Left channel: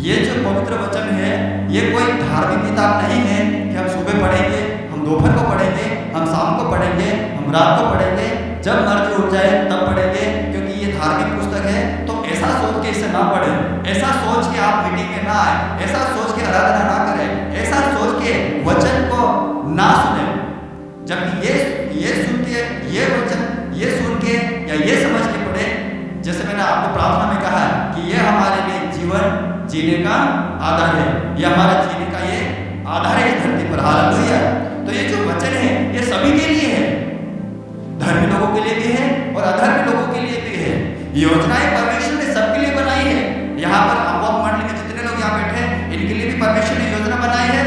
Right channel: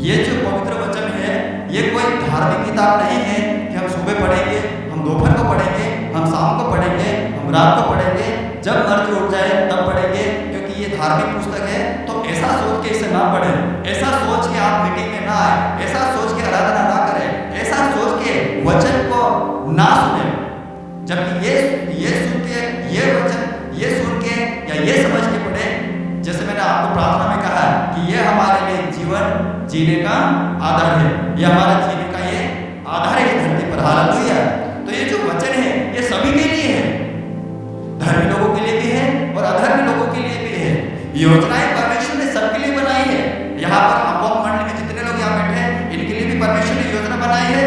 ये जो पवित्र वचन है, ये कोई धार्मिक किताब नहीं है कि हम सुबह पढ़ेंगे, हम दोपहर को पढ़ेंगे, हम शाम को पढ़ेंगे, हम रात को पढ़ेंगे, जब मर्जी उठ जाए तब पढ़ेंगे, क्योंकि ये धार्मिक पुस्तक है। तो ऐसा सोच के इसे ना पढ़ें, ऐसा सोच के आप मीटिंग में ना आए, ऐसा सोच के आराधना ना करें, ऐसा सोच के वचन को ना सुने। जबकि ये सुन के, ये वचन ये सुन के या ये समझ के पढ़े, जैसे मैंने आपको प्रार्थना में कहा कि ये हमारे लिए जीवन जीने का आधार है, ये हमारा जीने का ये आधार है इस धरती पर। हालेलुया। तो ये जो वचन है ये सभी के लिए है, धर्मी लोगों के लिए भी है और अधर्मी लोगों के लिए भी है। योजनाएं परमेश्वर ने सबके लिए बनाई है। यहाँ पर आपको मंडली में जितने लोग यहाँ बैठे हैं, इनके लिए भी परमेश्वर ने योजना बनाई है।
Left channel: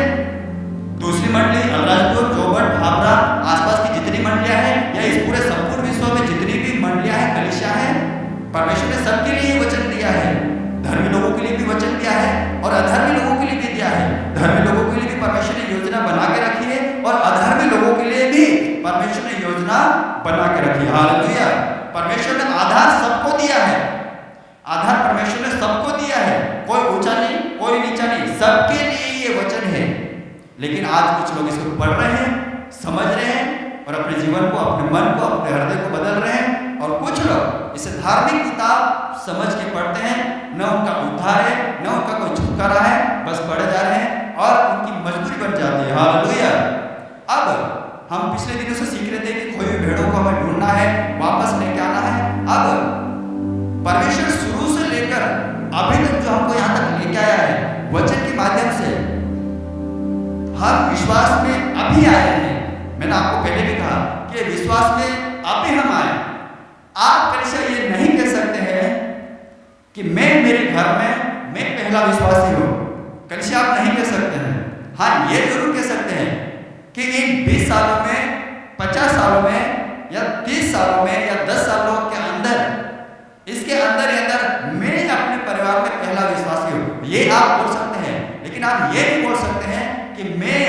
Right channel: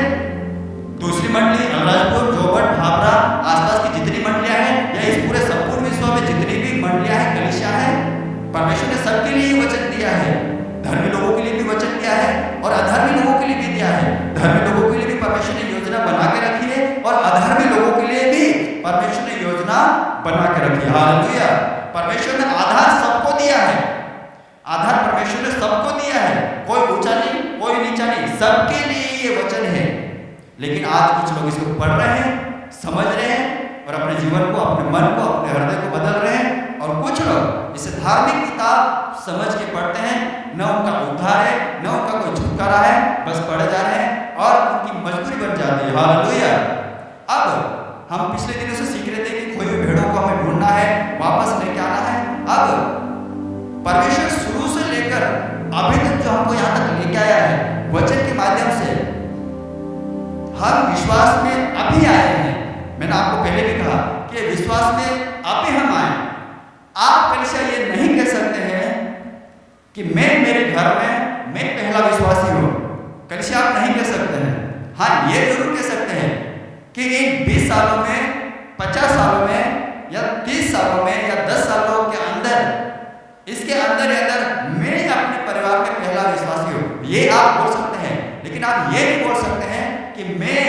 दूसरी मंडली अलराजपुर, जोबट, भाबरा, आसपास की जितनी मंडलियां हैं या इस पूरे संपूर्ण विश्व में जितनी भी मंडलियां हैं, कलीसिया है, परमेश्वर ने सबके लिए वचन दिया है। धर्मी लोगों के लिए भी वचन दिया है और अधर्मी लोगों के लिए भी दिया है। धर्मी लोगों के लिए भी परमेश्वर ने योजना बना के रखी है और अधर्मी लोगों के लिए भी परमेश्वर ने योजना बना के रखी है। हालेलुया। परमेश्वर ने आधार सबको दिया है, आधार परमेश्वर ने सबको दिया है, कोई ऊंचा नहीं, कोई नीचा नहीं, सबके लिए ये वचन है। लेकिन आज कुछ लोग इसको पढ़ रहे हैं, समझ रहे हैं और अपने जीवन को, अपने मन को, अपने हृदय को बदल रहे हैं। और कुछ लोग इसे धार्मिक किताब समझ के पढ़ते हैं, न उनका उद्धार है, न उनका कोई छुटकारा है, बस पढ़े जा रहे हैं और उनकी मजबूरी बन जाती है। हालेलुया। अब हम पिछले दिनों से सीख रहे थे कि खोई हुई भेड़ों को हमें ढूंढना है, वापस लेके आना है। अब परमेश्वर शुरू से लेकर अभी तक जो हमको यहाँ तक लेके आया है, वचन के माध्यम से हम विश्वास में अभी आए हैं। मैंने आपको पहले भी कहा कि विश्वास में अभी हम आए। आप कलीसिया ये नहीं कह सकते हैं कि मैं मेरे घर में मैं पहला विश्वासी हूँ, कलीसिया आप नहीं कह सकते हैं। हाँ, ये जरूर कह सकते हैं कि इन 20 सालों में, 50 सालों में या 30 सालों में या 10 सालों के अंदर, इसके अंदर ही अंदर मैं अपने परिवार में पहला विश्वासी हूँ, ये आप बोल सकते हैं। लेकिन आप ये नहीं बोल सकते हैं कि मैं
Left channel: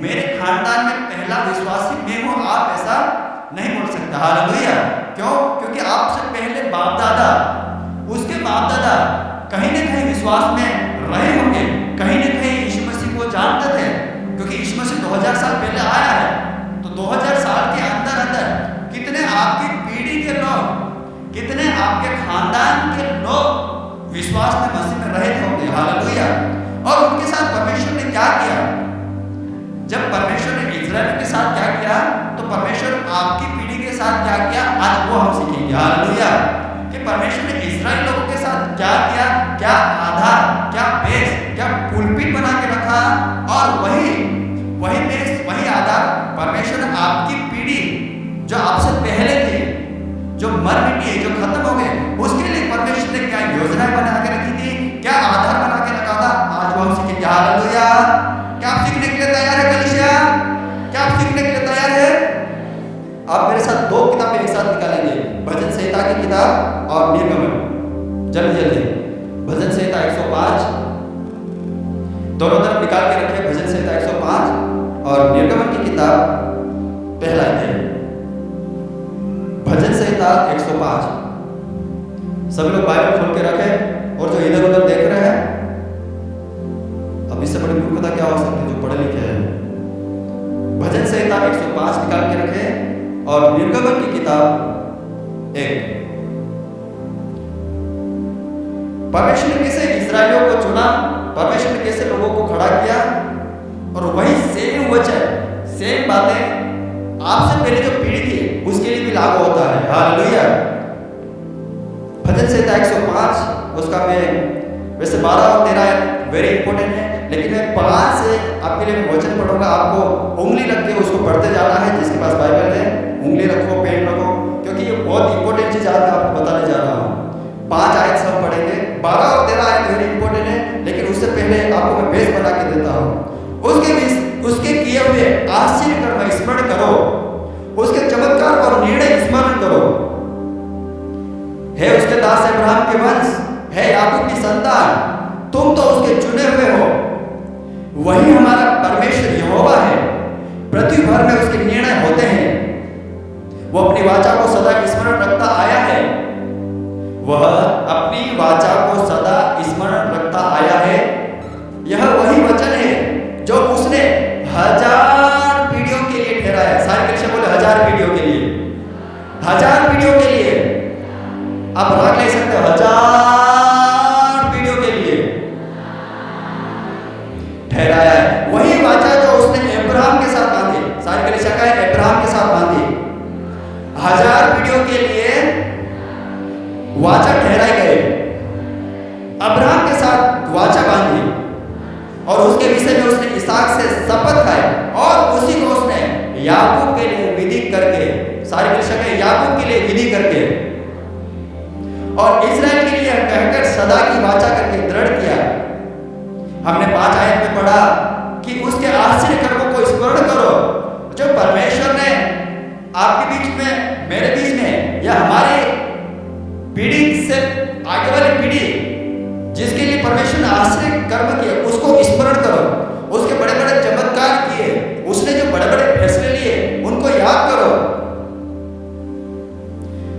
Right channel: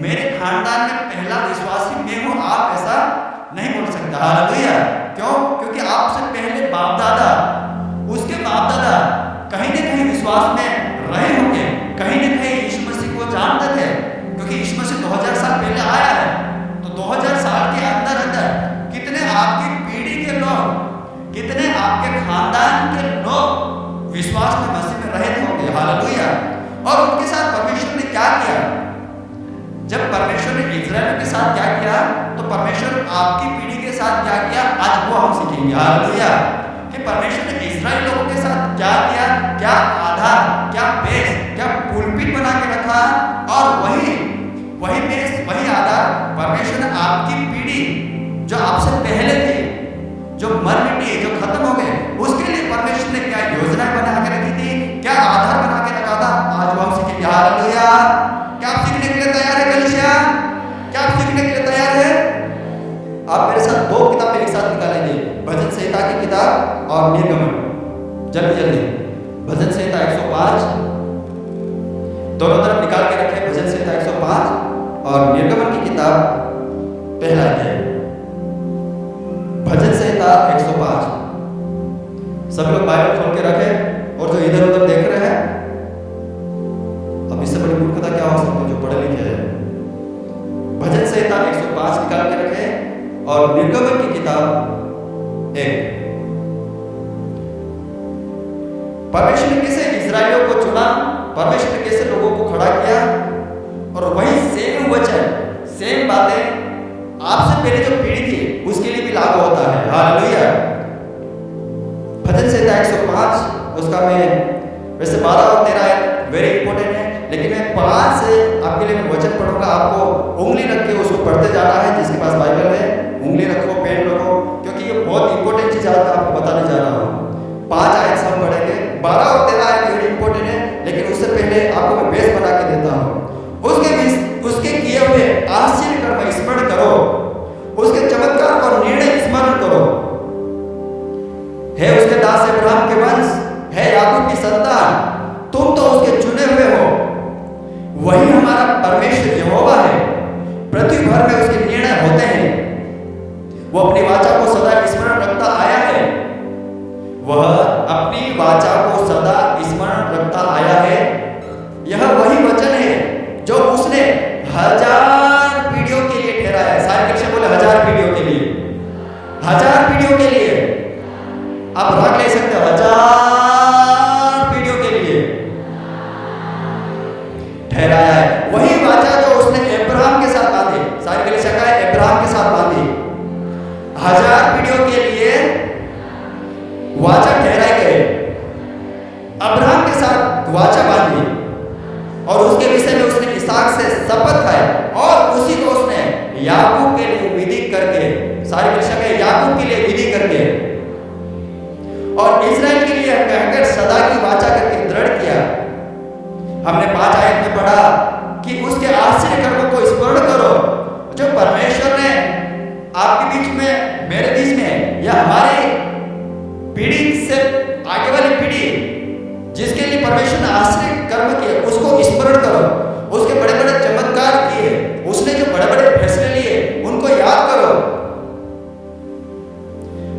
मेरे खानदान में पहला विश्वासी मैं हूँ, आप ऐसा नहीं बोल सकते। हालेलुया। क्यों? क्योंकि आपसे पहले बाप दादा, उसके बाप दादा कहीं न कहीं विश्वास में रहे होंगे, कहीं न कहीं यीशु मसीह को जानते थे, क्योंकि यीशु मसीह 2000 साल पहले आया है। तो 2000 साल के अंदर अंदर कितने आपकी पीढ़ी के लोग, कितने आपके खानदान के लोग विश्वास में मसीह में रहे होंगे। हालेलुया। और उनके साथ परमेश्वर ने क्या किया? जब परमेश्वर ने इजराइल के साथ क्या किया, तो परमेश्वर आपकी पीढ़ी के साथ क्या किया, आज वो हम सीखेंगे। हालेलुया। कि परमेश्वर ने इजराइल लोगों के साथ क्या किया, क्या आधार, क्या बेस, क्या पुलपिट बना के रखा, और वही बेस, वही आधार परमेश्वर ने आपकी पीढ़ी जो आपसे पहले थी, जो मर मिटी है, जो खत्म हो गए, उसके लिए परमेश्वर ने क्या योजनाएं बना के रखी थी, क्या आधार बना के रखा था, आज वो हम सीखेंगे। हालेलुया। क्या आप सीखने के लिए तैयार है कलीसिया? क्या आप सीखने के लिए तैयार है? आप मेरे साथ 2 किताबें एक साथ निकालेंगे, भजन संहिता की किताब और निर्गमन। जल्दी जल्दी भजन संहिता 105 दोनों तरफ निकाल के रखे, भजन संहिता 105 और निर्गमन की किताब पहला अध्याय। भजन संहिता 105। सभी लोग बाइबल खोल के रखें, और जो इधर उधर देख रहे हैं, अब इससे बड़ी मूर्खता क्या हो सकती है जो पढ़े लिखे हैं। भजन संहिता 105 निकाल के रखें और निर्गमन की किताब 1। परमेश्वर ने कैसे इजराइलियों को चुना, परमेश्वर ने कैसे लोगों को खड़ा किया, और वही सेम वचन, सेम बातें आपसे पहले जो पीढ़ी थी उसके लिए भी लागू होता है। हालेलुया। भजन संहिता 105, उसका मैं वैसे 12 और 13 वेरी इंपॉर्टेंट है, लेकिन मैं 5 से आपके लिए मैं वचन पढ़ूंगा। आपको उंगली रख के उसको पढ़ते जाना है। जिसके पास बाइबल है उंगली रखो, पेन रखो, क्योंकि ये बहुत इंपॉर्टेंट चीज आज मैं आपको बताने जा रहा हूँ। 5 आयत सब पढ़ेंगे, 12 और 13 आयत वेरी इंपॉर्टेंट है, लेकिन उससे पहले आपको मैं बेस बना के देता हूँ। उसके किए हुए आश्चर्य कर्म स्मरण करो, उसके चमत्कार और निर्णय स्मरण करो। है उसके दास अब्राहम के वंश, है याकूब की संतान, तुम तो उसके चुने हुए हो। वही हमारा परमेश्वर यहोवा है, पृथ्वी भर में उसके निर्णय होते हैं। वो अपनी वाचा को सदा स्मरण रखता आया है, वह अपनी वाचा को सदा स्मरण रखता आया है पीढ़ियों के लिए, 1000 पीढ़ियों के लिए, आप राग ले सकते हो, 1000 पीढ़ियों के लिए ठहराया है। वही वाचा जो उसने अब्राहम के साथ बांधी, सारी कलीसिया का है अब्राहम के साथ बांधी, 1000 पीढ़ियों के लिए वाचा ठहराए गए, अब्राहम के साथ वाचा बांधी और उसके विषय में उसने इसहाक से शपथ खाए और उसी को उसने याकूब के लिए विधि करके, सारी कलीसिया का याकूब के लिए विधि करके और इस्राएल के लिए कहकर सदा की वाचा करके दृढ़ किया। हमने 5 आयत में पढ़ा कि उसके आश्चर्य कर्मों को स्मरण करो जो परमेश्वर ने आपके बीच में, मेरे बीच में, या हमारे पीढ़ी से आगे वाली पीढ़ी जिसके लिए परमेश्वर ने आश्चर्य कर्म किए उसको स्मरण करो। उसके बड़े बड़े चमत्कार किए, उसने जो बड़े बड़े फैसले लिए उनको याद करो,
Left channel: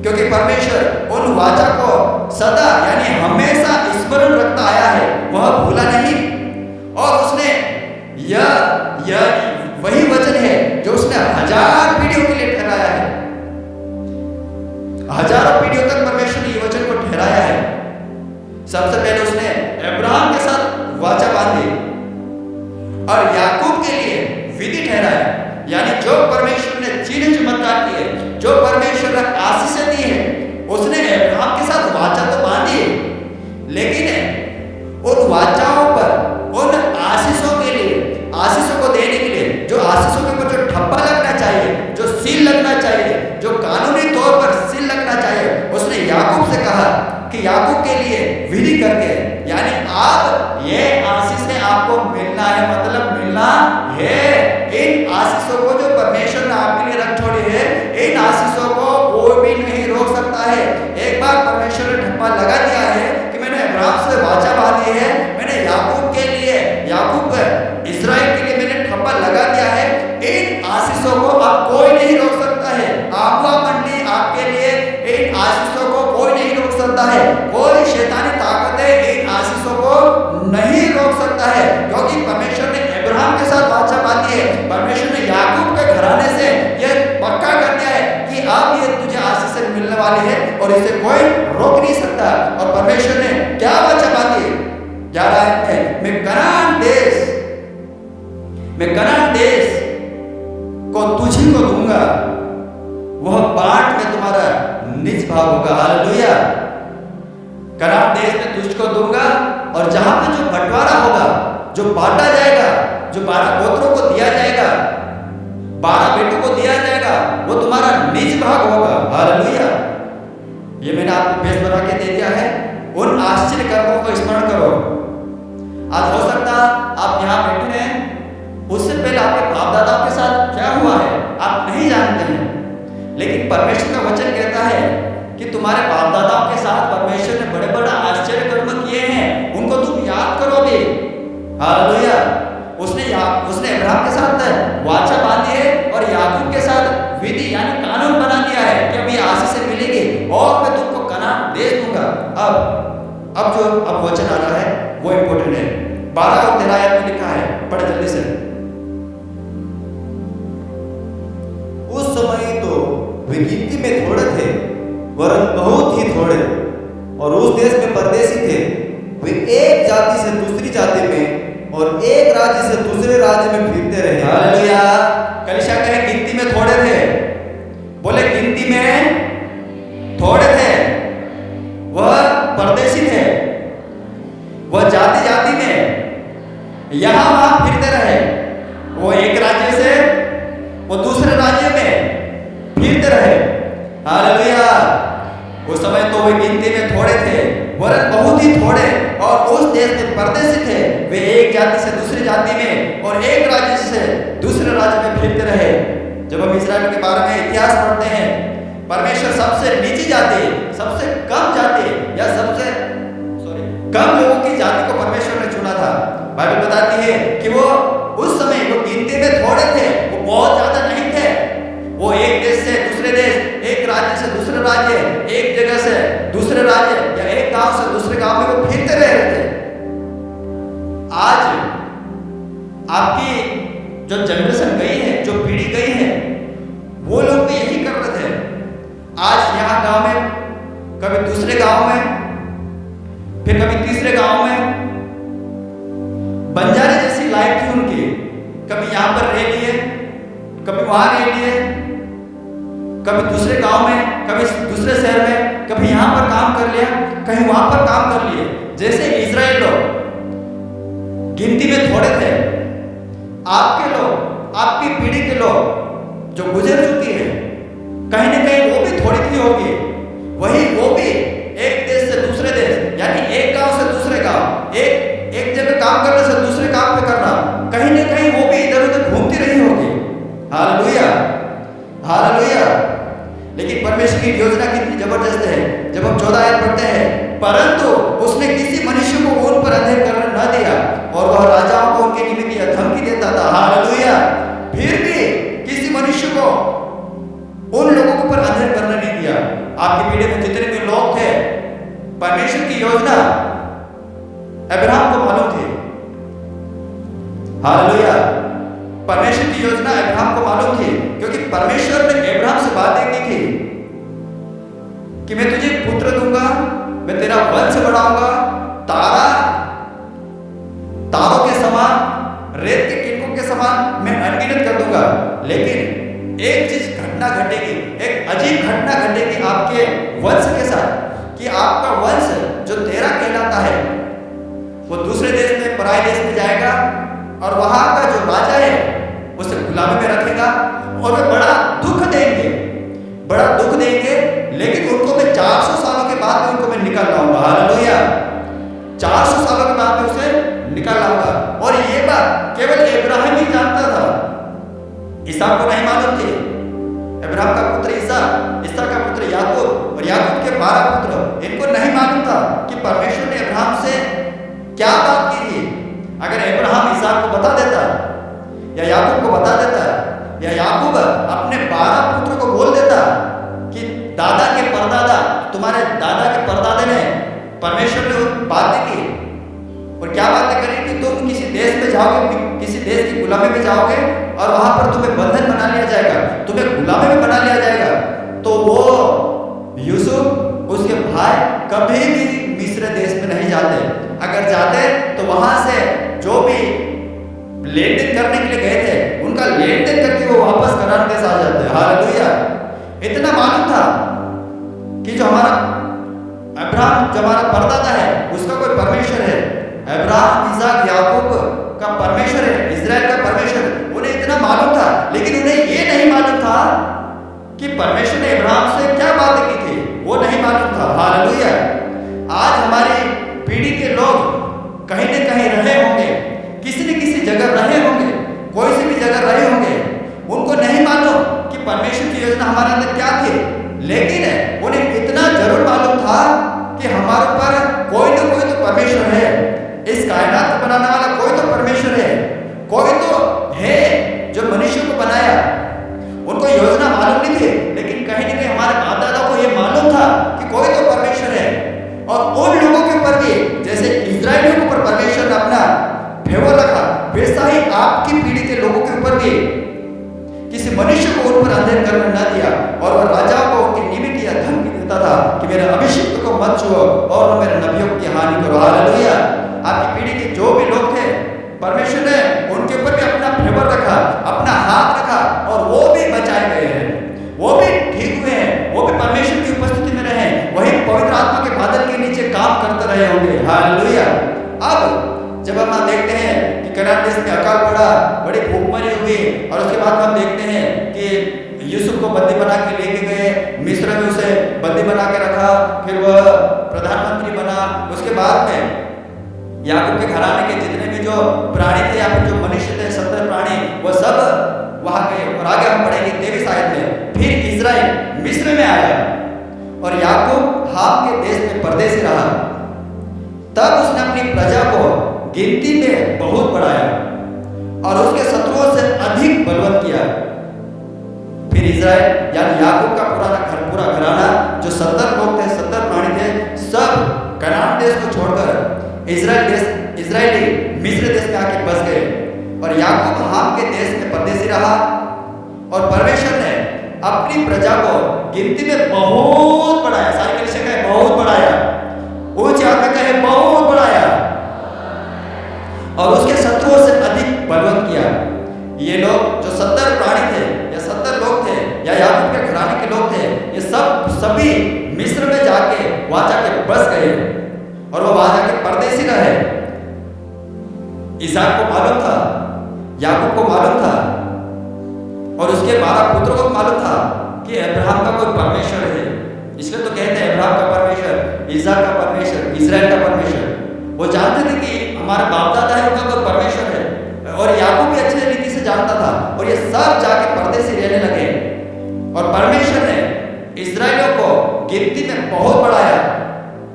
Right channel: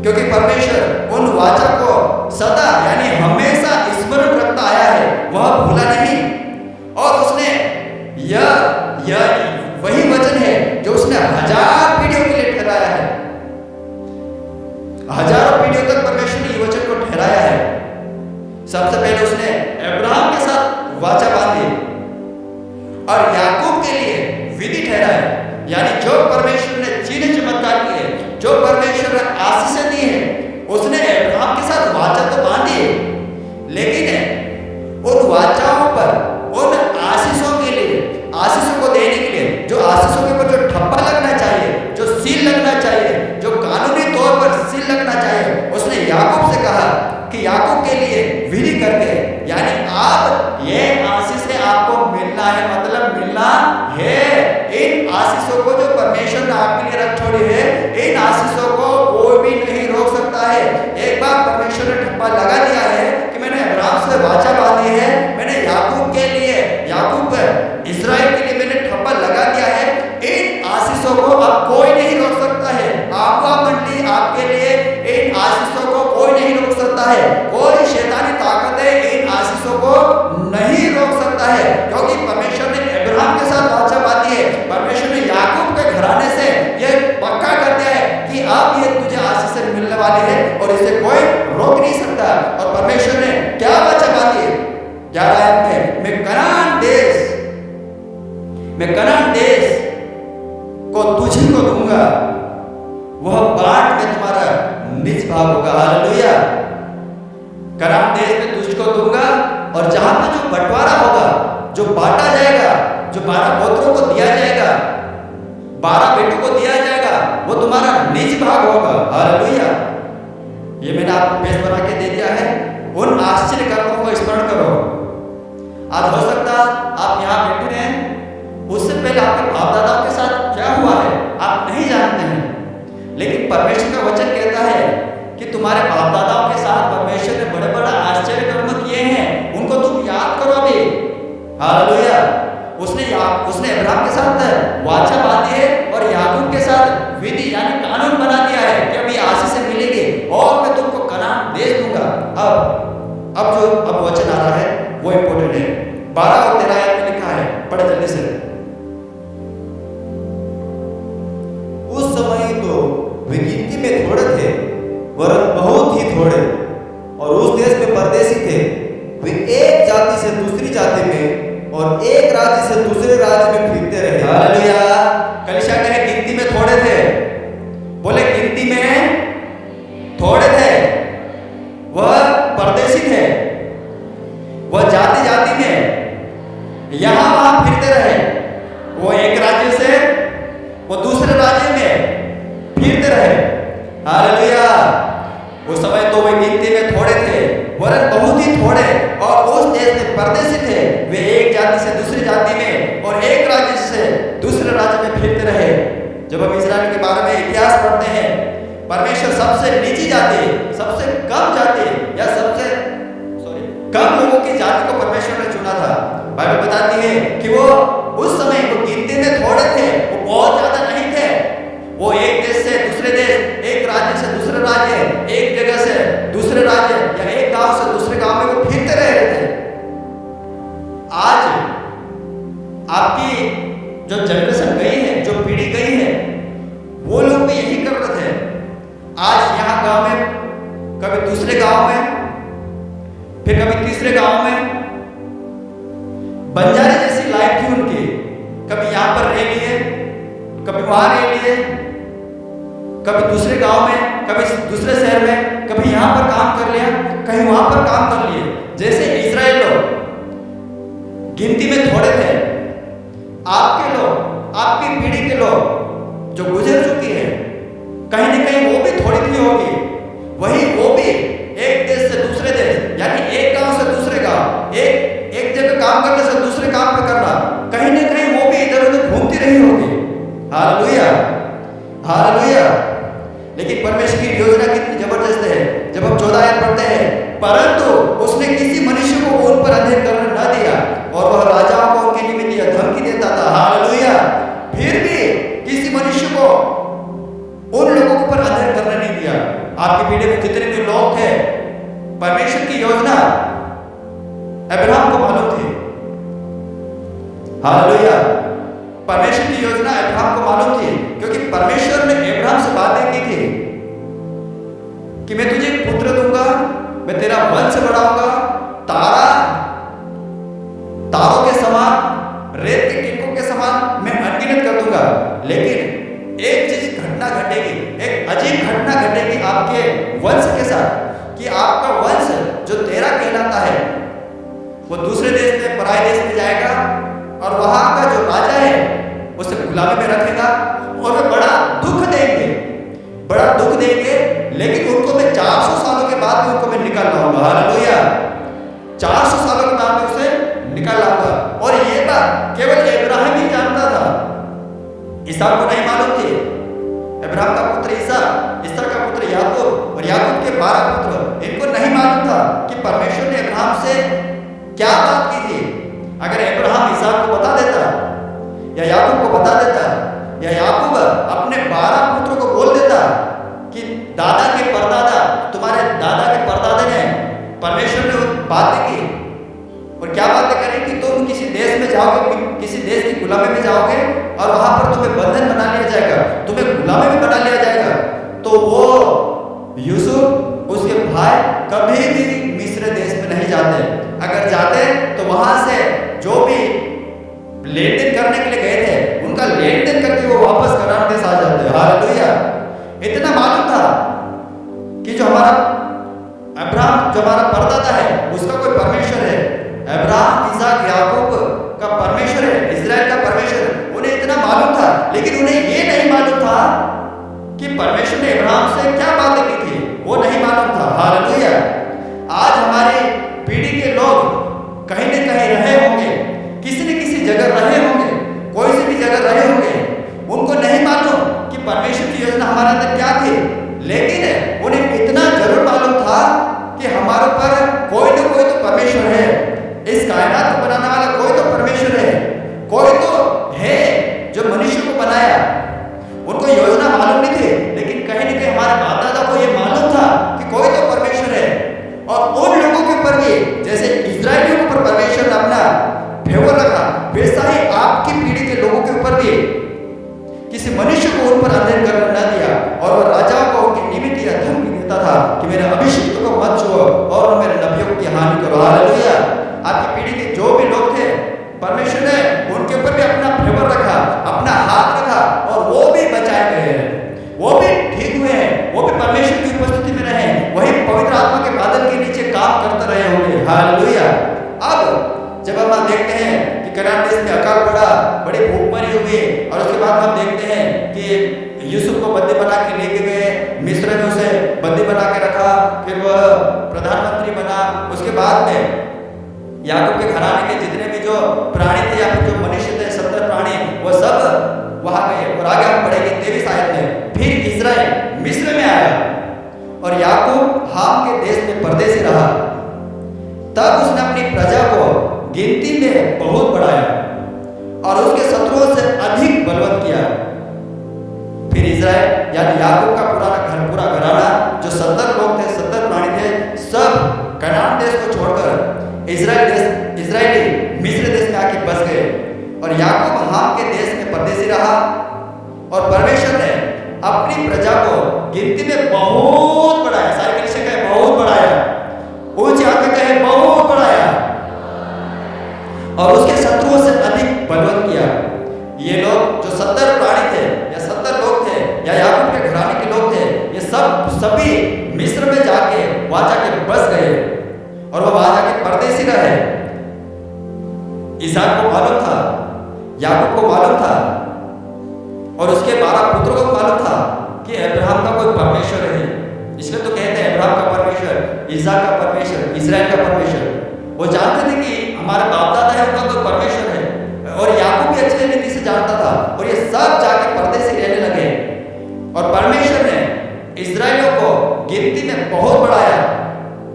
क्योंकि परमेश्वर उन वाचा को सदा यानी हमेशा स्मरण रखता आया है, वह भूला नहीं। और उसने यह वही वचन है जो उसने 1000 पीढ़ियों के लिए ठहराया है। हजारों पीढ़ियों तक परमेश्वर ने ये वचन को ठहराया है। सबसे पहले उसने अब्राहम के साथ वाचा बांधी और याकूब के लिए विधि ठहराया, यानी जो परमेश्वर ने चिन्ह चमत्कार किए, जो परमेश्वर ने आशीषें दी है, उसने अब्राहम के साथ वाचा तो बांधी, लेकिन उन वाचाओं पर, उन आशीषों के लिए, आशीषों को देने के लिए, जो आशीषों के ऊपर जो ठप्पा लगना चाहिए, जो सील लगना चाहिए, जो कानूनी तौर पर सील लगना चाहिए, उसने याकूब से कहा कि याकूब के लिए विधि करके, यानी आप ये आशीषें आपको मिलना है, मतलब मिलना है। इन आशीषों को जो परमेश्वर ने आपके लिए रख छोड़ी है, इन आशीषों को कोई भी नहीं रोक सकता है। एक बार परमेश्वर ने ठप्पा लगा दिया है कि मैंने अब्राहम से वाचा बांधी है, मैंने याकूब के लिए, याकूब इस्राएल के लिए मैंने ठप्पा लगा दिया है, इन आशीषों को अब कोई नहीं रोक सकता है। आगवा मंडली आपके लिए इन आशीषों को कोई नहीं रोक सकता है, कोई शैतानी ताकतें इन आशीषों को नहीं रोक सकता है, क्योंकि परमेश्वर ने अब्राहम के साथ वाचा बांधी है। परमेश्वर ने याकूब के घराने से यह पक्का कर दिया है कि अब ये तुझे आशीषें मिलने वाली है और इसे कोई रोक नहीं सकता। और परमेश्वर ने क्या वाचा बांधी है? 11 आयत में, मैं कनान देश को तुझी को दूंगा, वह बाट में तुम्हारा निज भाग होगा। हालेलुया। कनान देश में तुझको दूंगा, और जहां पे जो बंटवारा होगा, जो बांटा जाएगा, जो 12 गोत्रों को दिया जाएगा, 12 बेटों को दिया जाएगा, वो तुम्हारा निज भाग होगा। हालेलुया। ये मैंने आपको बेस बना के दे दिया है। उन आश्चर्य कर्मों को स्मरण करो। आज हो सकता आप यहाँ बैठे हैं, उससे पहले आपके बाप दादाओं के साथ क्या हुआ है आप नहीं जानते हैं, लेकिन परमेश्वर का वचन कहता है कि तुम्हारे बाप दादाओं के साथ परमेश्वर ने बड़े बड़े आश्चर्य कर्म किए हैं, उनको तुम याद करो अभी। हालेलुया। उसने अब्राहम के साथ वाचा बांधी है और याकूब के साथ विधि यानी कानून बना दिया है कि अभी आशीषें मिलेगी और मैं तुमको कनान देश दूंगा। अब वचन आ रहा है वो इंपॉर्टेंट है। 12 और 13 आयत में लिखा है, पढ़े जल्दी से। उस समय तो वे गिनती में थोड़े थे, वरन बहुत ही थोड़े, और उस देश में परदेशी थे। वे एक जाति से दूसरी जाति में और एक राज्य से दूसरे राज्य में फिरते रहे। हालेलुया। कलीसिया कहे गिनती में थोड़े थे, बोले गिनती में थोड़े थे, वह परदेशी थे, वह जाति जाति में यहां वहां फिरते रहे। वो एक राज्य से वो दूसरे राज्य में फिरते रहे। हालेलुया। उस समय तो वे गिनती में थोड़े थे, वरन बहुत ही थोड़े, और उस देश में परदेशी थे। वे एक जाति से दूसरी जाति में और एक राज्य से दूसरे राज्य में फिरते रहे। जब हम इस्राएल के बारे में इतिहास पढ़ते हैं, परमेश्वर सबसे नीची जाति, सबसे कम जाति या सबसे कम लोगों की जाति को परमेश्वर ने चुना था। बाइबल बताती है कि वो उस समय वो गिनती में थोड़े थे, वो बहुत ज्यादा नहीं थे। वो एक देश से दूसरे देश, एक राज्य से दूसरे राज्य, एक जगह से दूसरे राज्य या एक गांव से दूसरे गांव में वो फिरते रह रहे थे। आज आपकी जो जनरेशन गई है, जो पीढ़ी गई है, वो लोग भी गांव में, कभी दूसरे गांव में, फिर कभी तीसरे गांव में। बंजारे जैसी लाइफ थी उनकी, कभी यहां पर रह लिए, कभी वहां रह लिए, कभी दूसरे गांव में, कभी दूसरे शहर में, कभी यहां पर काम कर लिया, कहीं वहां पर काम कर लिए। जैसे इजराइल लोग गिनती में थोड़े थे, आपके लोग, आपकी पीढ़ी के लोग जो गुजर चुकी है, कहीं ना कहीं वो भी थोड़ी थी होगी। वही वो भी एक देश से दूसरे देश, यानी एक गांव से दूसरे गांव, एक जगह काम करने से दूसरे काम पे करना, कहीं ना कहीं वो भी इधर उधर घूमती रही होगी। Hallelujah, hallelujah. लेकिन परमेश्वर की योजना कितनी जबरदस्त है। जब हम 14 आयत पढ़ते हैं, परंतु उसने किसी मनुष्य को उन पर अंधेर करने न दिया और वह राजाओं को उनके निमित्त यह धमकी देता था। हालेलुया। फिर भी किसी मनुष्य को उन लोगों के ऊपर अंधेर करने नहीं दिया। आपकी पीढ़ी में जितने भी लोग थे, परमेश्वर की योजना अब्राहम को मालूम थी। हालेलुया। परमेश्वर की योजना अब्राहम को मालूम थी, क्योंकि परमेश्वर ने अब्राहम से बातें की थी कि मैं तुझे पुत्र दूंगा, मैं तेरा वंश बढ़ाऊंगा, तारों के समान, रेत के किनकों के समान मैं अनगिनत कर दूंगा। लेकिन एक चीज घटना घटेगी, एक अजीब घटना घटेगी आपके वंश के साथ, कि आपका वंश जो तेरा कहलाता है वो दूसरे देश में, पराये देश में जाएगा और वहां का जो राजा है उसे गुलामी में रखेगा और वे बड़ा दुख देंगे, बड़ा दुख देंगे। लेकिन उनको मैं 400 सालों के बाद में उनको मैं निकाल लाऊंगा। हालेलुया। 400 सालों के बाद में उसे निकाल लाऊंगा। और ये बात केवल इब्राहिम ही जानता था, इसहाक को नहीं मालूम थी। इब्राहिम का पुत्र इसहाक का पुत्र याकूब और याकूब के 12 पुत्र, इनको नहीं मालूम था कि परमेश्वर ने इब्राहिम से क्या बात की थी। अगर इब्राहिम इसहाक को बता देता या याकूब को बता देता या याकूब अपने 12 पुत्रों को बोल देता कि दादा के परदादा, तुम्हारे दादा के परदादे ने परमेश्वर ने बातें की, और क्या बातें करी कि तुम किसी देश में जाओगे, किसी देश की गुलामी में जाओगे और वहां पर तुम्हें बंधन बना लिया जाएगा, तुम्हें गुलामी में बना लिया जाएगा, तो वो यूसुफ उसके भाई कभी भी मिस्र देश में नहीं जाते। अगर जाते तो वहां से जो भी लेन देन करने के लिए गए थे, उनका लेन देन करके वो वापस कनान देश आ जाते। हालेलुया। इतना मालूम था कि जो हमारा अब्राहम, जो हमारा परदादा है, उसका कोई परमेश्वर है। अब्राहम, इसहाक, याकूब का परमेश्वर है, इजराइल का परमेश्वर है। उन्हें इतना मालूम था, लेकिन उन्हें ये नहीं मालूम था कि परमेश्वर ने अब्राहम से क्या बातें की थी, वो नहीं मालूम था। हालेलुया। आज हमारी पीढ़ी के लोग कहीं न कहीं रहे होंगे, किसी न किसी जगह रहे होंगे, कोई सी भी जगह रहे होंगे, उनको नहीं मालूम कि परमेश्वर की योजना हमारे अंदर क्या थी। लेकिन उन्हें इतना जरूर मालूम था कि हमारे ऊपर कोई न कोई तो परमेश्वर है, इस कायनात को बनाने वाला कोई तो परमेश्वर है, कोई तो है जो मनुष्य को बनाया। उनको योजना मालूम नहीं थी, लेकिन कहीं न कहीं हमारे बाप दादा को यह मालूम था कि कोई तो परमेश्वर है। और उन लोगों के ऊपर भी, जैसे इजरायलियों के ऊपर परमेश्वर ने अपना फेवर रखा, वैसा ही आपकी पीढ़ी के लोगों के ऊपर भी किसी मनुष्य को उन पर अंधेर करने न दिया, और वह राजाओं को उनके निमित्त यह धमकी देता था कि मेरे अभिषिक्त को मत छुओ और न मेरे नबियों की हानि करो। हालेलुया। आपकी पीढ़ी के जो भी लोग थे, परमेश्वर ने उनके ऊपर भी अपना फेवर रखा, अपना हाथ रखा, और वो भी बचाए गए हैं, वो भी ठीक हुए हैं, वो भी परमेश्वर की उपस्थिति में रहे, वही पवित्र आत्मा के बादल के नीचे काम करते रहे होंगे। हालेलुया। अब जब हम देखते हैं कि कनान देश में अकाल पड़ा, बड़ी भूखमरी हुई, और उसके बाद हम देखते हैं कि यूसुफ को बंदी बना के लेके गए, मिस्र में उसे बंदी बना के रखा, फिर वह प्रधानमंत्री बना। उसके बाद में याकूब के घराने के जितने भी जो प्राणी थे या फिर जो मनुष्य थे, 70 प्राणी, वो सब वहां गए। और आगे हम पढ़ेंगे 23 आयत में, फिर इजराइल मिस्र में आया और याकूब हाम के देश में परदेसी रहा। तब उसने अपनी प्रजा को गिनती में बहुत बढ़ाया और उसके शत्रुओं से अधिक बलवंत किया। फिर इजराइल यानी याकूब का पूरा घराना, जो 70 लोग थे, 70 प्राणी थे, सब कनान देश को छोड़कर इजरायली मिस्र देश में आके बस गए। और याकूब हाम के देश में परदेसी रहा। और परमेश्वर ने अपनी प्रजा को गिनती में बहुत बढ़ाया। सारी कलीसिया कहे बहुत बढ़ाया, ऊंची आवाज में कहे बहुत बढ़ाया, और उसके शत्रुओं से अधिक बलवंत किया। ये लोग जो 70 प्राणी थे या 70 लोग थे या याकूब के घराने के लोग थे, ये सभी मिस्र में जाके वहां जाके बस गए और वो वहां जाके परदेसी रहे। इसहाक को मालूम था, याकूब को मालूम था और उसके 12 पुत्रों को मालूम था कि अब्राहम का कोई परमेश्वर है। इसलिए तो कहते हैं अब्राहम का परमेश्वर, इसहाक का परमेश्वर, इजराइल का परमेश्वर। वो जानते थे कि हमारे बाप दादा है, उनका कोई परमेश्वर है, और याकूब भी अच्छे रीति से जानता था। और ये सब जाके परदेसी रहने लगे और परमेश्वर ने इजराइलियों को गिनती में बहुत बढ़ाया।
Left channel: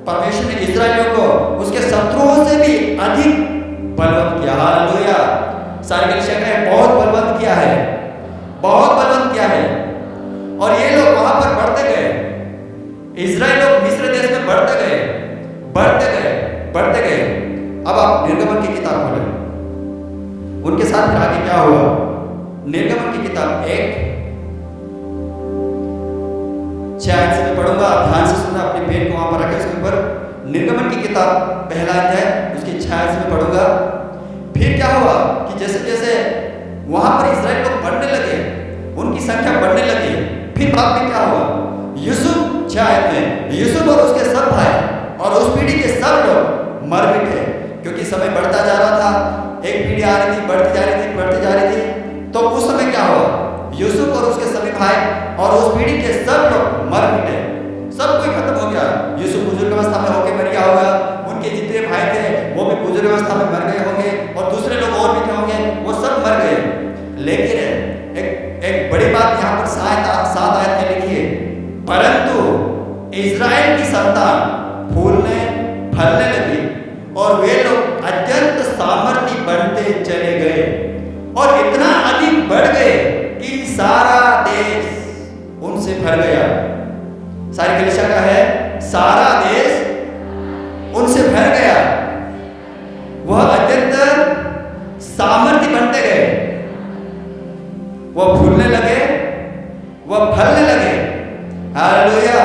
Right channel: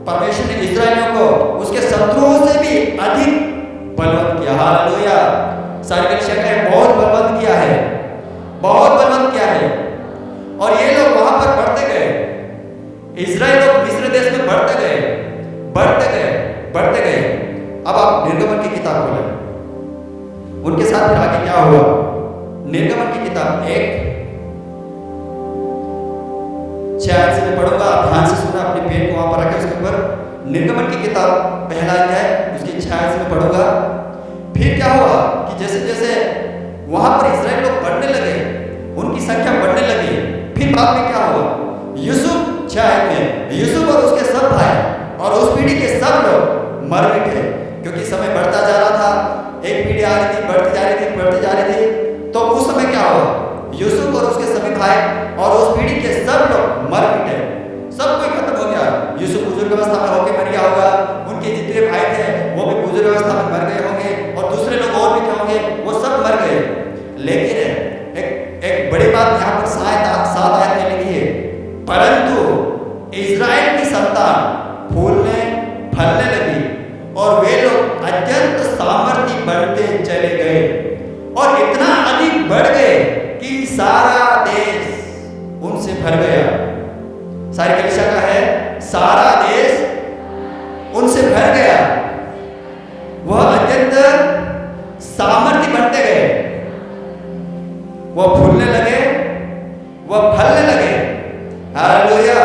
परमेश्वर ने इजराइलियों को उसके शत्रुओं से भी अधिक बलवंत किया। हालेलुया। सारी कलीसिया कहे बहुत बलवंत किया है, बहुत बलवंत किया है। और ये लोग वहां पर बढ़ते गए, इजराइल लोग मिस्र देश में बढ़ते गए, बढ़ते गए, बढ़ते गए। अब आप निर्गमन की किताब खोलें, उनके साथ फिर आगे क्या हुआ। निर्गमन की किताब 1:6 से मैं पढ़ूंगा, आप ध्यान से सुनना, अपनी पेन को वहां पर रखें उसके ऊपर। निर्गमन की किताब पहला अध्याय उसकी 6 से मैं पढ़ूंगा। फिर क्या हुआ कि जैसे जैसे वहां पर इजराइल लोग बढ़ने लगे, उनकी संख्या बढ़ने लगी, फिर बाद में क्या हुआ, यूसुफ 6 में यूसुफ और उसके सब भाई और उस पीढ़ी के सब लोग मर मिटे, क्योंकि समय बढ़ता जा रहा था, एक पीढ़ी आ रही थी, बढ़ती जा रही थी, बढ़ती जा रही थी। तो उस समय क्या हुआ, यूसुफ और उसके सभी भाई और उस पीढ़ी के सब लोग मर मिटे, सब कोई खत्म हो गया। यूसुफ बुजुर्ग अवस्था में होके मर गया होगा, उनके जितने भाई थे वो भी बुजुर्ग अवस्था में मर गए होंगे, और दूसरे लोग और भी थे होंगे, वो सब मर गए। लेकिन एक बड़ी बात यहाँ पर 7 आयत में लिखी है, परंतु इजराइल की संतान फूलने फलने लगी और वे लोग अत्यंत सामर्थी बनते चले गए और इतना अधिक बढ़ गए कि सारा देश उनसे भर गया। सारी कलीसिया का है, सारा देश उनसे भर गया, वह अत्यंत सामर्थी बनते गए, वह फूलने लगे, वह फलने लगे। हालेलुया।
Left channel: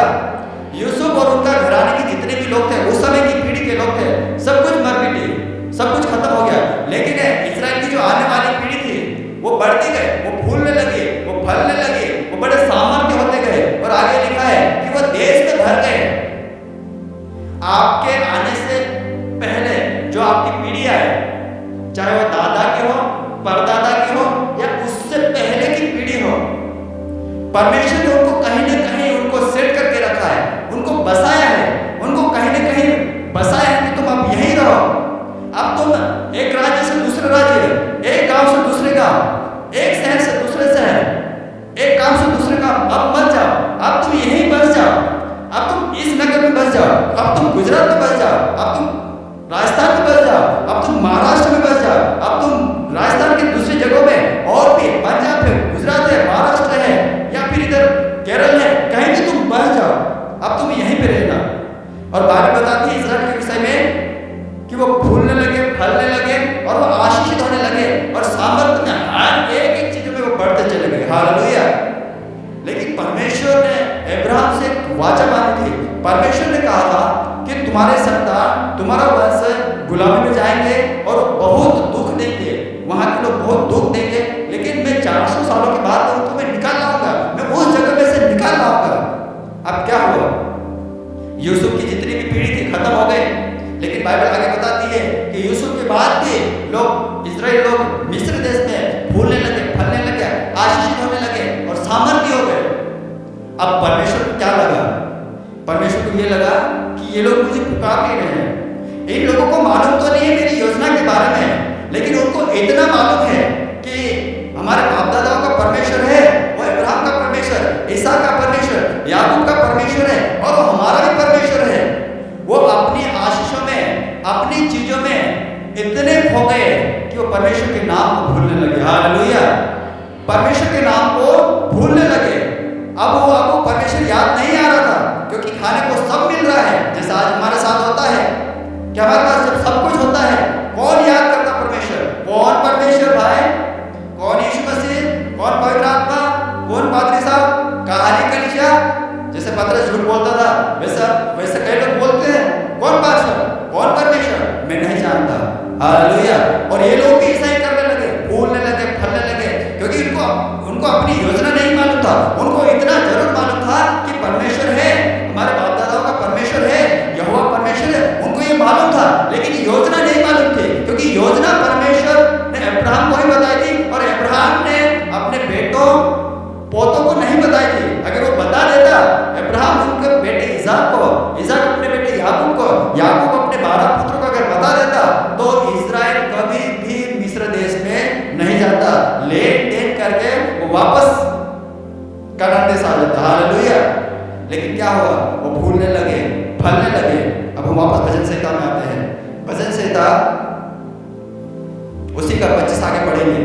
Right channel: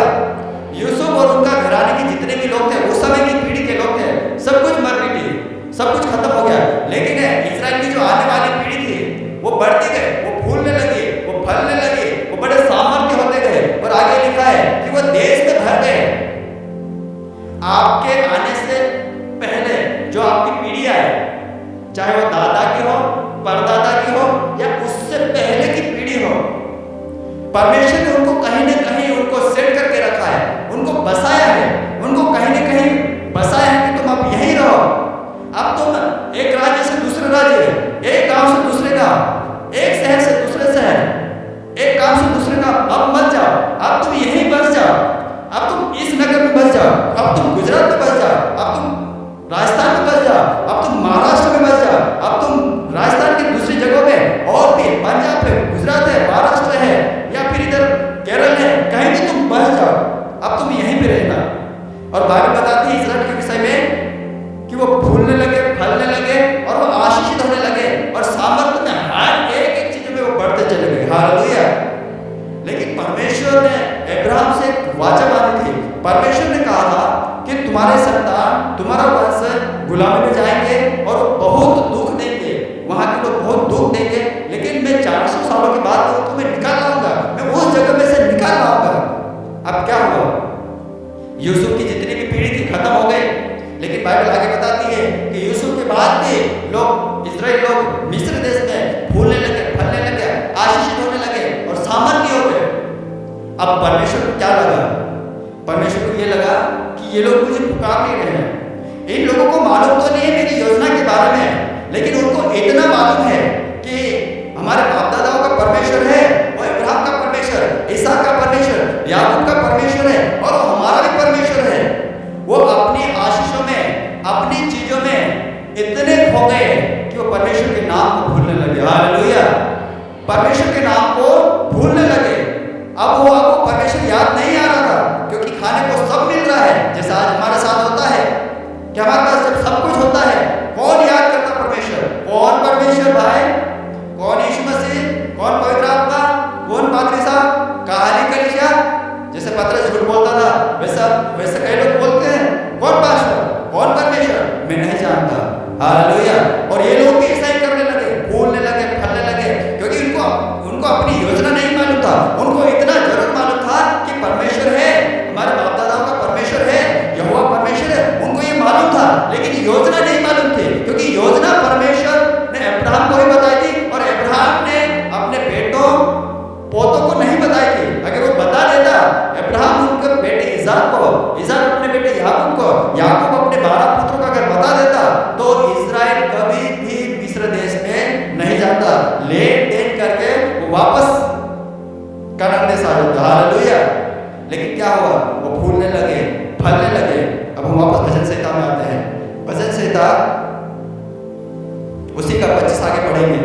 यूसुफ और उनका घराने के जितने भी लोग थे, उस समय की पीढ़ी के लोग थे, सब कुछ मर मिटे, सब कुछ खत्म हो गया। लेकिन इजराइल की जो आने वाली पीढ़ी थी वो बढ़ती गए, वो फूलने लगे, वो फलने लगे, वो बड़े सामर्थ्य होते गए, और आगे लिखा है कि वो देश में भर गए। आपके आने से पहले जो आपकी पीढ़ी आए, चाहे वो दादा की हो, परदादा की हो या उससे पहले की पीढ़ी हो, परमेश्वर ने उनको कहीं न कहीं उनको सेट करके रखा है, उनको बसाया है, उनको कहीं न कहीं बसाया है कि तुम अब यहीं रहो। अब तुम एक राज्य से दूसरे राज्य, एक गांव से दूसरे गांव, एक शहर से दूसरे शहर, एक काम से दूसरे काम अब मत जाओ, अब तुम यहीं बस जाओ, अब तुम इस नगर में बस जाओ, अब तुम गुजरात में बस जाओ, अब तुम राजस्थान में बस जाओ, अब तुम महाराष्ट्र में बस जाओ, अब तुम राजस्थान की दूसरी जगहों में, और भी पंजाब है, गुजरात है, महाराष्ट्र है, या फिर इधर केरल है, कहीं भी तुम बस जाओ, अब तुम यहीं पे रहना। और बाइबल बताती है इजराइल के विषय में कि वो फूलने लगे, फलने लगे और वो आशीषित होने लगे और सामर्थ्य में हर एक चीजों में वो बढ़ते चले गए। हालेलुया। लेकिन परमेश्वर ने अब्राहम से एक वाचा बांधी थी। परमेश्वर ने कहा था कि तुम्हारे संतान, तुम्हारा वंश गुलामी में जाएंगे और बहुत दुख देंगे, वहां के लोग बहुत दुख देंगे, लेकिन मैं 400 सालों के बाद मैं तुम्हें निकाल लाऊंगा, मैं उस जगह में से निकाल लाऊंगा। अब क्या हुआ, यूसुफ की जितनी भी पीढ़ी थी खत्म हो गई। लेकिन बाइबल आगे बताती है कि यूसुफ के बाद भी लोग, इजराइल लोग मिस्र देश में फूलने लगे, फलने लगे, आशीषित होने लगे और सामर्थ्य हो गए। अब परमेश्वर को क्या लगा, परमेश्वर को ये लगा कि ये लोग मुझे पुकार नहीं रहे हैं, इन लोगों को मालूम तो नहीं है मेरी योजना के बारे में, लेकिन उनको इतना मालूम है कि हमारे बाप दादाओं का परमेश्वर है, वो अब्राहम का परमेश्वर, इसहाक का परमेश्वर, याकूब का परमेश्वर है, और वो हमारा भी परमेश्वर है। वो अपनी आशीषों में, अपनी चीजों में इतने खो गए कि वो परमेश्वर के नाम को भूलने लगे। हालेलुया। परमेश्वर के नाम को भूलने लगे। अब वो परमेश्वर याद नहीं आ रहा था, क्योंकि खाने को सब मिल रहा है, जैसा आज हमारे साथ होता है कि हमारे पास जब सब कुछ होता है, कौन याद करता परमेश्वर? कौन परमेश्वर भाई? कौन यीशु मसीह? कौन पवित्र आत्मा? कौन पादरी साहब? कहानी कलीसिया? जैसे पतरस झूठ बोलता था, वैसा वैसा कई लोग बोलते हैं, कौन पास्टर, कौन परमेश्वर, मैं नहीं जानता। हालेलुया। और ये लोग भी ऐसा ही करने लगे, फूलने लगे, फलने लगे, क्योंकि उनको अपनी योजना नहीं मालूम था। उनको इतना जरूर मालूम था कि परमेश्वर है, हमारे बाप दादाओं का परमेश्वर है, यहोवा परमेश्वर है, उनको ये मालूम था, लेकिन योजना नहीं मालूम थी, क्योंकि योजना परमेश्वर ने अब्राहम को ही बताई थी, और अब्राहम ने अपने बेटों पोतों को नहीं बताई थी। अगर वो बता देता, अब्राहम उनके बेटे इसाक को, इसाक अपने बेटे याकूब को, याकूब अपने 12 पुत्रों को अगर बता देता, तो इजराइल कभी भी मिस्र देश में नहीं जाता, लेन देन करके वो वापस कनान देश आ जाता। हालेलुया। लेकिन क्या हुआ, वो फूलने लगे, फलने लगे। अब हम वापस भजन संहिता में आते हैं। भजन संहिता उसी का 25 आगे पढ़ेंगे।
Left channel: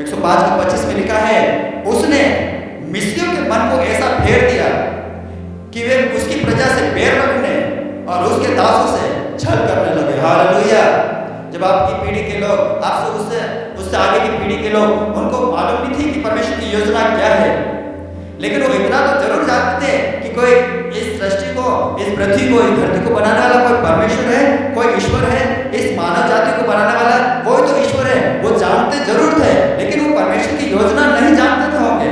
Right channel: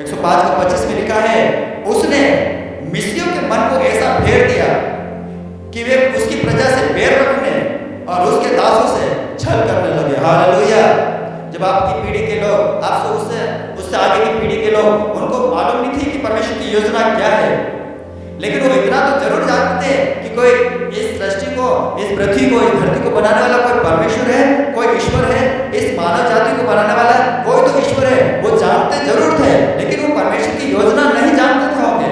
105 का 25 में लिखा है, उसने मिस्रियों के मन को ऐसा फेर दिया कि वे उसकी प्रजा से बैर रखने और उसके दासों से छल करने लगे। हालेलुया। जब आपकी पीढ़ी के लोग, आपसे उससे आगे की पीढ़ी के लोग, उनको मालूम नहीं थी कि परमेश्वर की योजना क्या है, लेकिन वो इतना तो जरूर जानते थे कि कोई इस सृष्टि को, इस पृथ्वी को, इस धरती को बनाने वाला कोई परमेश्वर है, कोई ईश्वर है, इस मानव जाति को बनाने वाला कोई तो ईश्वर है। वो जानते जरूर थे, लेकिन वो परमेश्वर की योजना नहीं जानते थे होंगे।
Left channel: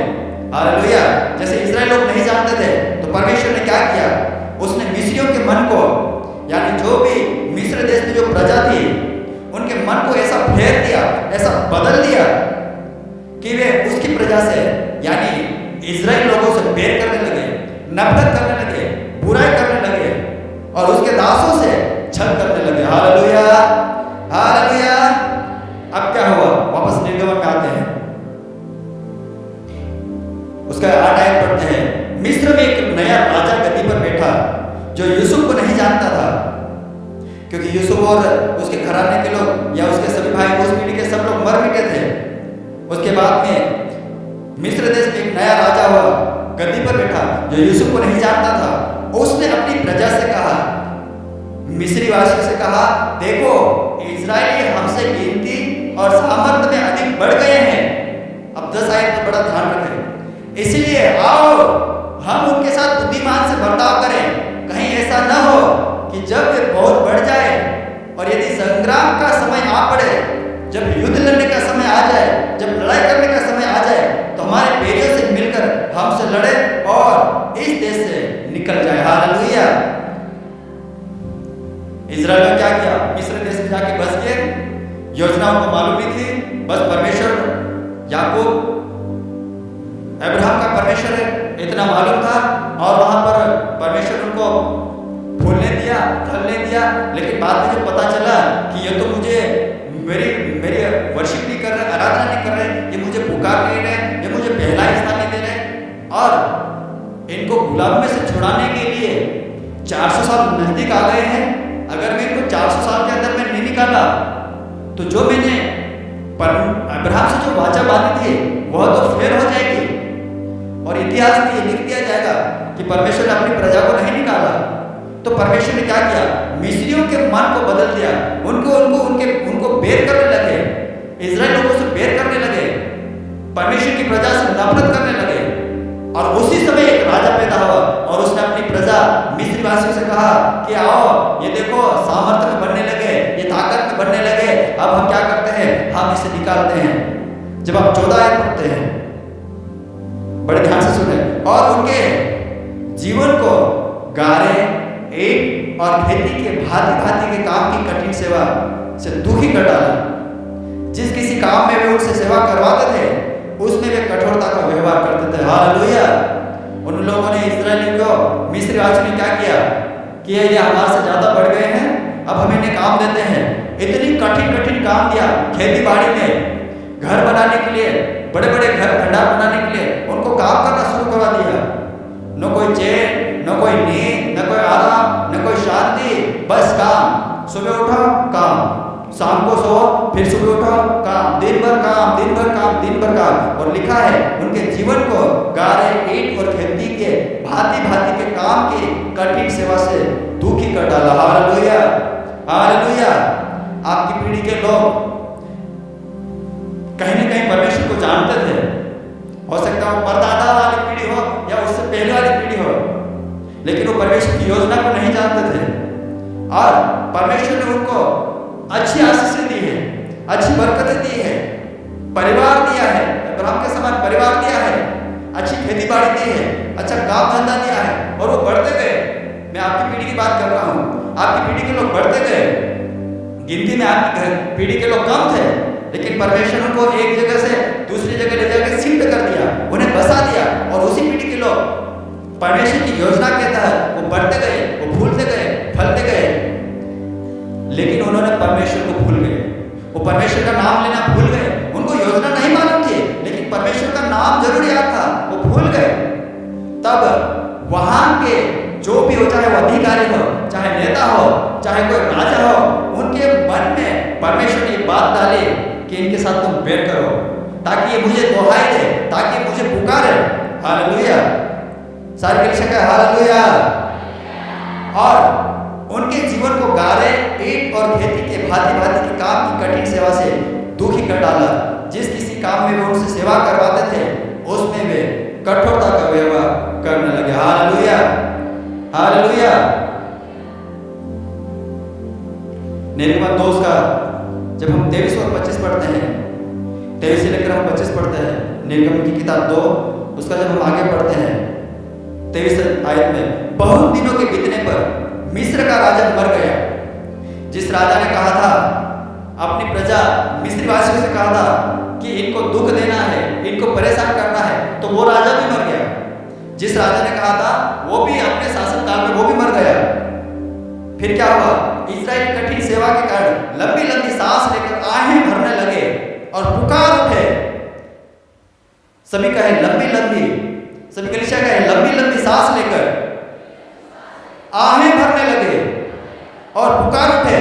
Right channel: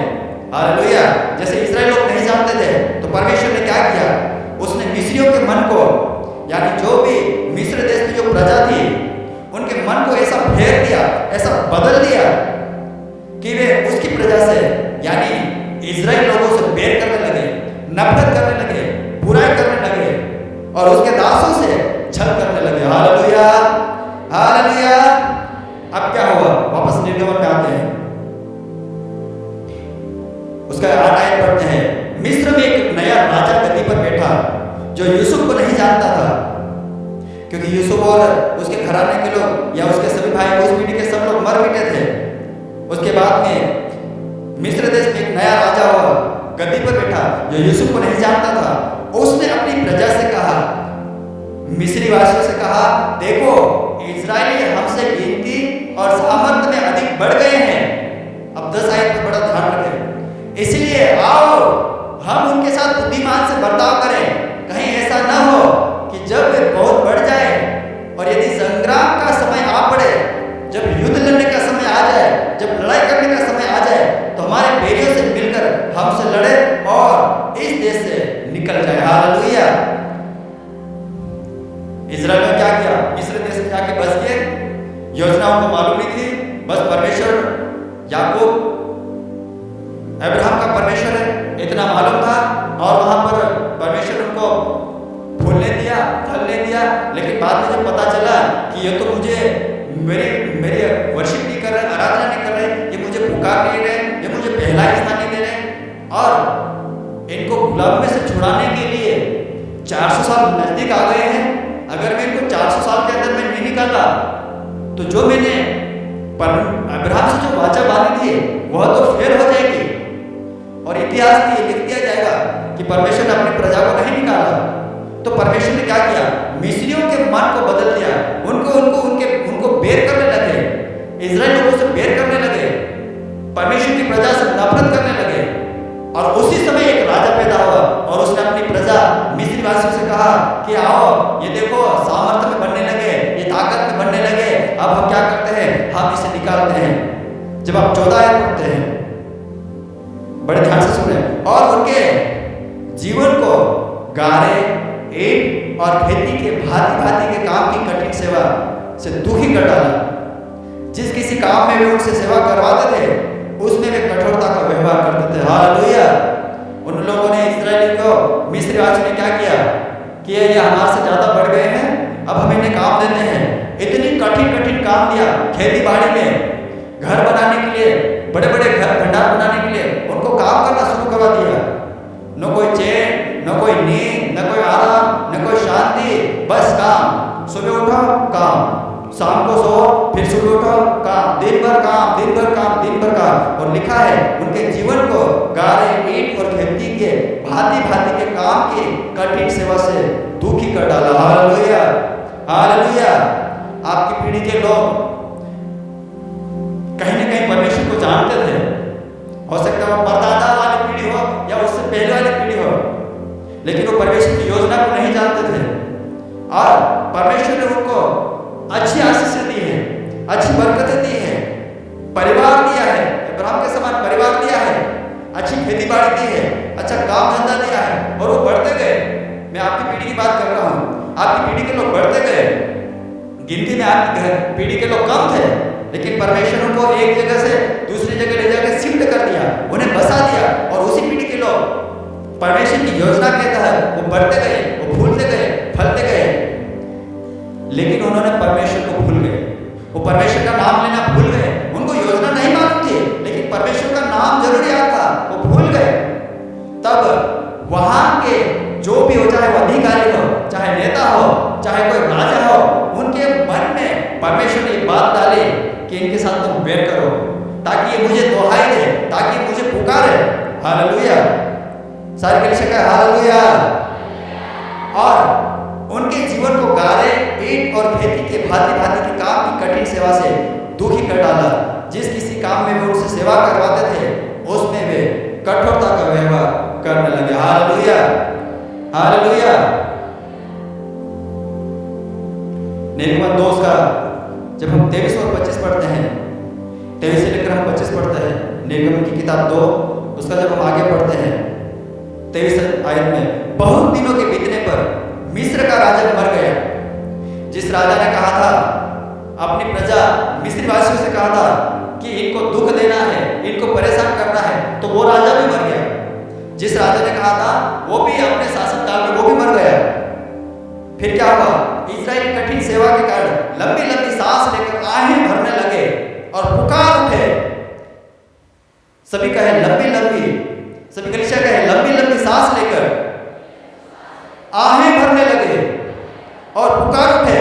हालेलुया। जैसे इजराइल लोग नहीं जानते थे, तो परमेश्वर ने क्या किया, उसने मिस्रियों के मन को, यानी जो भी मिस्र देश में जो प्रजा थी, उनके मन को ऐसा फेर दिया, ऐसा बदल दिया कि वे उसकी प्रजा से, यानी इजराइल लोगों से बैर करने लगे, नफरत करने लगे, बुराई करने लगे, और उसके दासों से छल करने लगे। Hallelujah, hallelujah. अब क्या हुआ, वापस निर्गमन में आते हैं, उसका 8 आयत पढ़ते हैं। मिस्र में एक नया राजा गद्दी पर बैठा, जो यूसुफ को नहीं जानता था, क्योंकि यूसुफ और उसके घराने के लोग या उसके सभी भाई, उस पीढ़ी के सब लोग मर मिटे थे। उसके बाद में मिस्र देश में एक नया राजा हुआ, गद्दी पर बैठा, जो यूसुफ को नहीं जानता था। उसने अपनी प्रजा से कहा, मिस्री वासियों से कहा, देखो इजरायली हमसे गिनती और सामर्थ्य में अधिक बढ़ गए हैं। अब 10 आयत पर बड़ा ध्यान रखें। इसलिए आओ हम उनके साथ बुद्धिमान से बर्ताव करें, कहीं ऐसा न हो कि जब वे बहुत बढ़ जाए और यदि संग्राम का समय आ पड़े, जब युद्ध लड़ने का समय आ जाए, जब लड़ाई करने का समय आ जाए, तो हमारे बैरियों से मिलकर हमसे लड़े और इस देश से निकल जाए। हालेलुया। इजराइल ने क्या किया, मिस्र देश में जाके बस गए। योजना उनको मालूम नहीं थी, बस परमेश्वर याकूब अब्राहम का परमेश्वर है इतना मालूम था, और वहां पर परमेश्वर उनको फूलने दिया, फलने दिया। लेकिन बाद में जब पता चला कि ये तो मुझे मेरी वर्शिप नहीं कर रहे, आराधना नहीं कर रहे, ये मुझे पुकार नहीं रहे, ये मुझे पहला स्थान नहीं दे रहे, और इनको गुलाम में से छुड़ाने के लिए 400 साल नजदीक आ गए हैं। अगर मैं इनको 400 साल के अंदर में नहीं निकाला, तो जो मैंने अब्राहम से जो वाचा बांधी थी वह तो फेल हो जाएगी, और इतिहास में ये लिख दिया जाएगा कि परमेश्वर ने अपनी प्रजा को नहीं निकाला। तो परमेश्वर ने क्या किया, मिस्रियों के मन को बदल दिया, उनको बैर करने लगे, इजराइल लोगों से बैर करने लगे, परमेश्वर की प्रजा से नफरत करने लगे। और उसी समय एक राजा पैदा हुआ, और उसने अपनी प्रजा मिस्री वासियों से कहा कि आओ, ये देखो सामर्थ्य में बढ़ने लगे, ये ताकत में बढ़ने लगे, अब हम क्या करते हैं, हम इसे निकालते हैं। जब आप 14 आयत पढ़ते हैं, बड़े ध्यान से सुने, और उनके जीवन को गारे, ईंट और खेती के भांति भांति के काम की कठिन सेवा से दुखी कर डाला। जिस किसी काम में वे उनसे सेवा करवाते थे, उसमें वे कठोरता का व्यवहार करते थे। हालेलुया। उन लोगों ने, इजरायली को मिस्री वासियों ने क्या किया कि ये हमारे से ज्यादा बढ़ गए हैं, अब हम इन्हें काम देते हैं। इतनी कठिन कठिन काम दिया, खेती बाड़ी में, घर बनाने के लिए, बड़े बड़े घर भंडार बनाने के लिए उनको काम करना शुरू करवा दिया। न कोई चैन, न कोई नींद, न कोई आराम, न कोई शांति, बस काम। सुबह उठो काम, शाम को सो, फिर सुबह उठो काम, दिन भर काम, दिन भर काम, दिन भर काम। और लिखा है उनके जीवन को गारे, ईंट और खेती के भांति भांति के काम की कठिन सेवा से दुखी कर डाला। Hallelujah, hallelujah. आपकी पीढ़ी के लोग कहीं न कहीं परमेश्वर को जानते थे। हो सकता है वो परदादा वाली पीढ़ी हो या उससे पहले वाली पीढ़ी हो, लेकिन वो परमेश्वर की योजना को नहीं जानते थे। और परमेश्वर ने उनको अच्छी आशीषें दी है, अच्छी बरकतें दी है, परिवार दिया है, अब्राहम के समान परिवार दिया है, अच्छी खेती बाड़ी दी है, अच्छा काम धंधा दिया है, और वो बढ़ते गए। मैं आपकी पीढ़ी की बात कर रहा हूँ, आपकी पीढ़ी के लोग बढ़ते गए। गिनती में आपकी पीढ़ी के लोग कम थे, लेकिन परमेश्वर उनको एक जगह से दूसरी जगह ले जाकर शिफ्ट कर दिया, उन्हें बसा दिया, और उसी पीढ़ी के लोग परमेश्वर की योजना के तहत वो बढ़ते गए, वो फूलते गए, फलते गए। लेकिन उन्होंने परमेश्वर को भूल गए, वो परमेश्वर का नाम लेना भूल गए। उनको योजना नहीं मालूम थी, लेकिन परमेश्वर का नाम जरूर याद था, वो भूल गए। तब वहां के जो भी हो, चाहे वो अधिकारी हो, चाहे नेता हो, चाहे कोई राजा हो, उनके मन में परमेश्वर ने ये बात डाली कि इनके साथ तुम बैर करो, ताकि ये मुझे दोहाई दे, ताकि ये मुझे पुकारे। हालेलुया, सारी कलीसिया का हालेलुया। और उनके जीवन को गारे, ईंट और खेती के भांति भांति के काम की कठिन सेवा से दुखी कर डाला। जिस किसी काम में वे उनसे सेवा करवाते थे, उसमें वे कठोरता का व्यवहार करने लगे। Hallelujah, hallelujah. निर्गमन 2 का जब हम 23 और 25 पढ़ते हैं, 23 से लेकर हम 25 पढ़ते हैं, निर्गमन की किताब 2, उसका जब हम आगे पढ़ते हैं 23 आयत में, बहुत दिनों के बीतने पर मिस्र का राजा मर गया। जिस राजा ने कहा था, अपनी प्रजा मिस्री वासियों से कहा था कि इनको दुख देना है, इनको परेशान करना है, तो वो राजा भी मर गया। जिस राजा ने कहा था, वो भी अपने शासन काल में वो भी मर गया। फिर क्या हुआ? इस्राएल कठिन सेवा के कारण लंबी लंबी सांस लेकर आहें भरने लगे और पुकार उठे। सभी कहे लंबी लंबी, सभी कलीसिया कहे लंबी लंबी सांस लेकर आहें भरने लगे और पुकार उठे,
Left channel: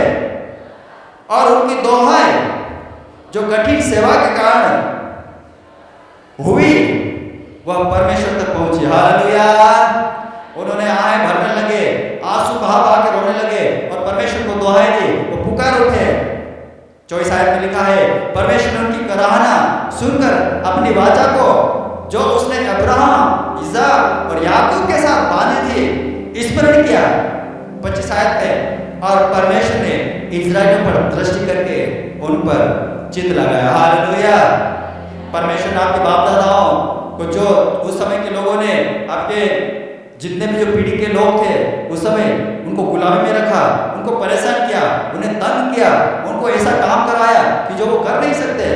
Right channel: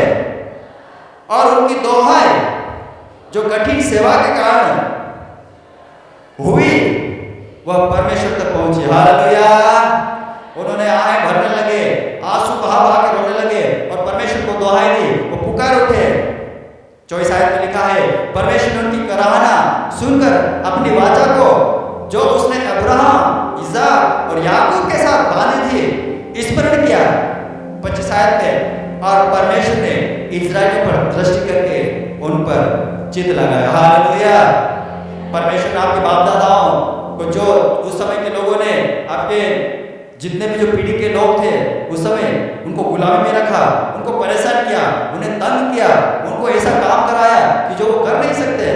और उनकी दोहाई जो कठिन सेवा के कारण हुई, वह परमेश्वर तक पहुंची। हालेलुया। उन्होंने आहें भरने लगे, आंसू बहा बहा के रोने लगे और परमेश्वर को दोहाई दी, वो पुकार उठे। 24 आयत में लिखा है, परमेश्वर ने उनकी कराहना सुनकर अपनी वाचा को जो उसने अब्राहम, इसाक और याकूब के साथ बांधी थी स्मरण किया। 25 आयत में, और परमेश्वर ने इस्राएलियों पर दृष्टि करके उन पर चित्त लगाया। हालेलुया। परमेश्वर ने आपके बाप दादाओं को, जो उस समय के लोगों ने, आपके जितने भी जो पीढ़ी के लोग थे उस समय, उनको गुलामी में रखा, उनको परेशान किया, उन्हें तंग किया, उनको ऐसा काम कराया कि जो वो कर नहीं सकते।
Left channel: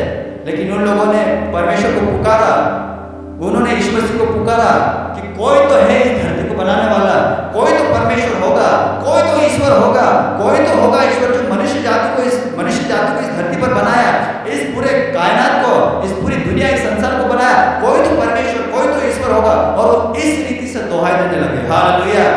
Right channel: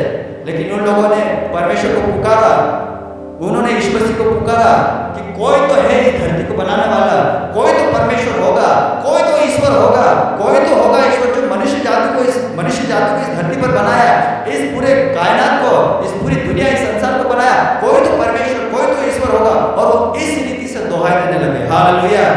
लेकिन उन लोगों ने परमेश्वर को पुकारा, उन्होंने यीशु मसीह को पुकारा कि कोई तो है इस धरती को बनाने वाला, कोई तो परमेश्वर होगा, कोई तो ईश्वर होगा, कोई तो होगा ईश्वर जो मनुष्य जाति को इस धरती पर बनाया, इस पूरे कायनात को, इस पूरी दुनिया, इस संसार को बनाया। कोई तो परमेश्वर, कोई तो ईश्वर होगा। और वो इस रीति से दोहाई देने लगे। हालेलुया।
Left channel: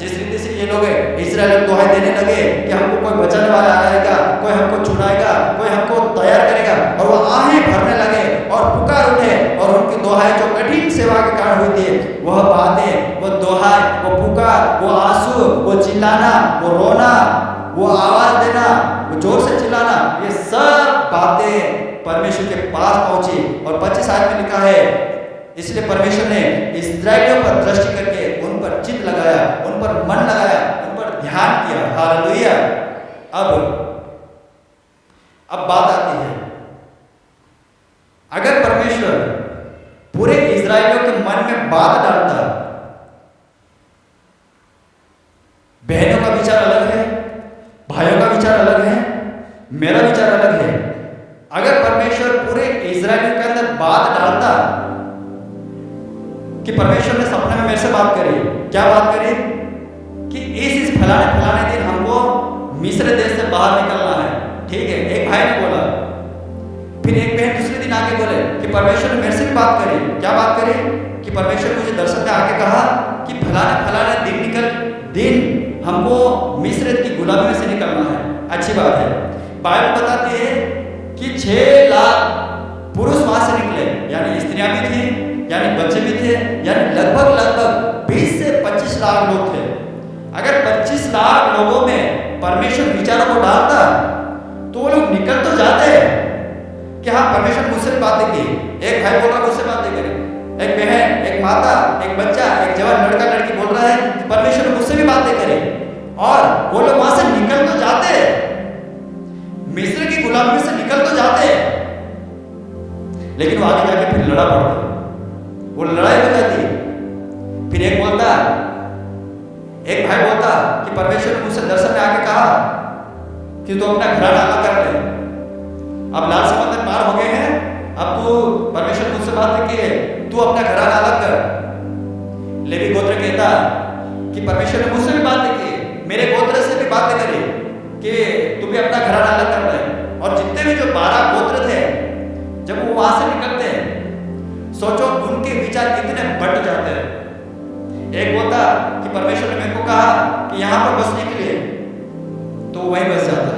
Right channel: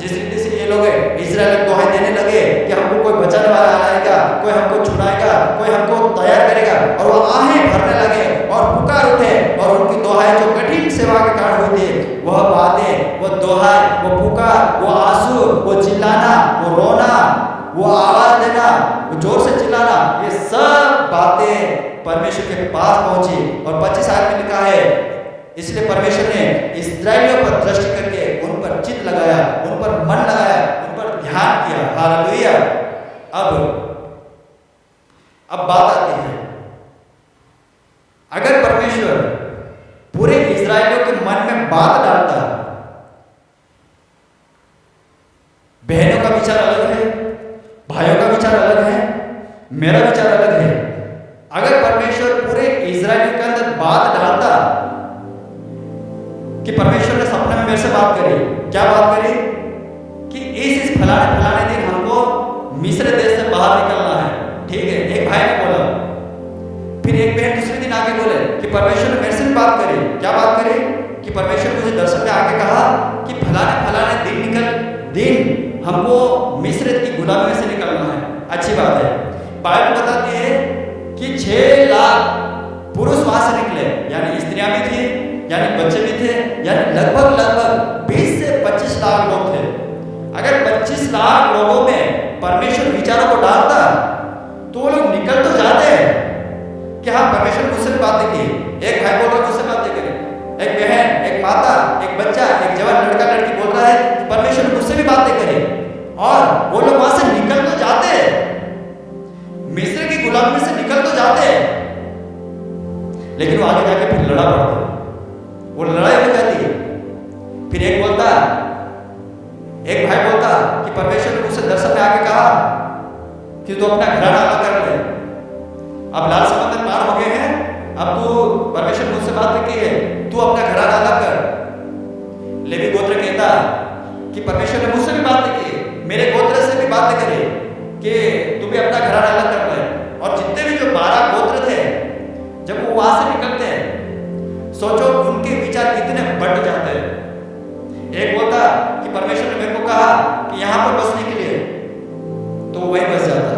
जिस रीति से ये लोग इस्राएल दोहाई देने लगे कि हमको कोई बचाने वाला आएगा, कोई हमको छुड़ाएगा, कोई हमको तैयार करेगा, और वो आहें भरने लगे और पुकार उठे, और उनकी दोहाई जो कठिन सेवा के कारण हुई थी, वह बातें, वो दोहाई, वो पुकार, वो आंसू, वो चिल्लाना, वो रोना, वो आवाज देना, वो जोर से चिल्लाना, ये सब बातें परमेश्वर के पास पहुंची। और 25 आयत में लिखा है, इसलिए परमेश्वर ने इस्राएलियों पर दृष्टि करके उन पर चित्त लगाया, उन पर मन लगाया, उन पर ध्यान किया। हालेलुया। अब बात आती है, अगर परमेश्वर पूरे इस्राएलियों के मन में बात डालता, बहनों का विचार अलग है, भाइयों का विचार अलग है, मेरा विचार अलग है। अगर परमेश्वर पूरे इस्राएलियों के अंदर बात डालता कि परमेश्वर ने सपने में मेरे से बात करी, क्या बात करी? कि इस फलाने दिन हमको मिस्र देश से बाहर निकलना है। ठीक है, एक भाई ने बोला। फिर एक बहन दूसरे दिन आके बोले कि परमेश्वर ने मेरे से भी बात करी। क्या बात करी? कि परमेश्वर मुझे दर्शन में आके कहा कि फलाने दिन हमको मिस्र की गुलामी में से निकलना है। अच्छी बात है। बाइबल बताती है कि 6 लाख पुरुष वहां से निकले, यानी स्त्रियां भी थी, यानी बच्चे भी थे, यानी लगभग 20 से 25 लाख लोग थे। अगर 25 लाख लोगों में परमेश्वर विचारों को डालता तो वो लोग निकल तो जाते हैं कि हाँ, परमेश्वर मुझसे भी बातें की। एक भाई बोल रहा मुझसे बातें करी, एक बहन, एक माता, एक बच्चा, एक जवान लड़का लड़की बोल रहा है कि परमेश्वर ने मुझसे भी बातें करी, और वो लोग वहां से निकल तो जाते, मिस्र की गुलामी से निकल तो जाते, लेकिन वो आगे जाके फिर लड़ा पड़ता, वो लड़ाई हो जाती। फिर एक भाई बोलता कि परमेश्वर ने मुझसे दर्शन में आके कहा कि तू अपना घराना अलग कर ले, अब लाल समंदर पार हो गए हैं, अब तू परमेश्वर मुझसे बात की है, तू अपना घराना अलग कर। लेवी गोत्र कहता कि परमेश्वर ने मुझसे भी बातें की, मेरे गोत्र से भी बातें करी कि तू भी अपना घराना अलग कर ले। और जितने भी जो 12 गोत्र थे, जब वो वहां से निकलते हैं, सोचो उनके विचार कितने बट जाते हैं। एक बोलता कि परमेश्वर ने मेरे को कहा कि यहां पर बसने के लिए, तो वहीं बस जाता।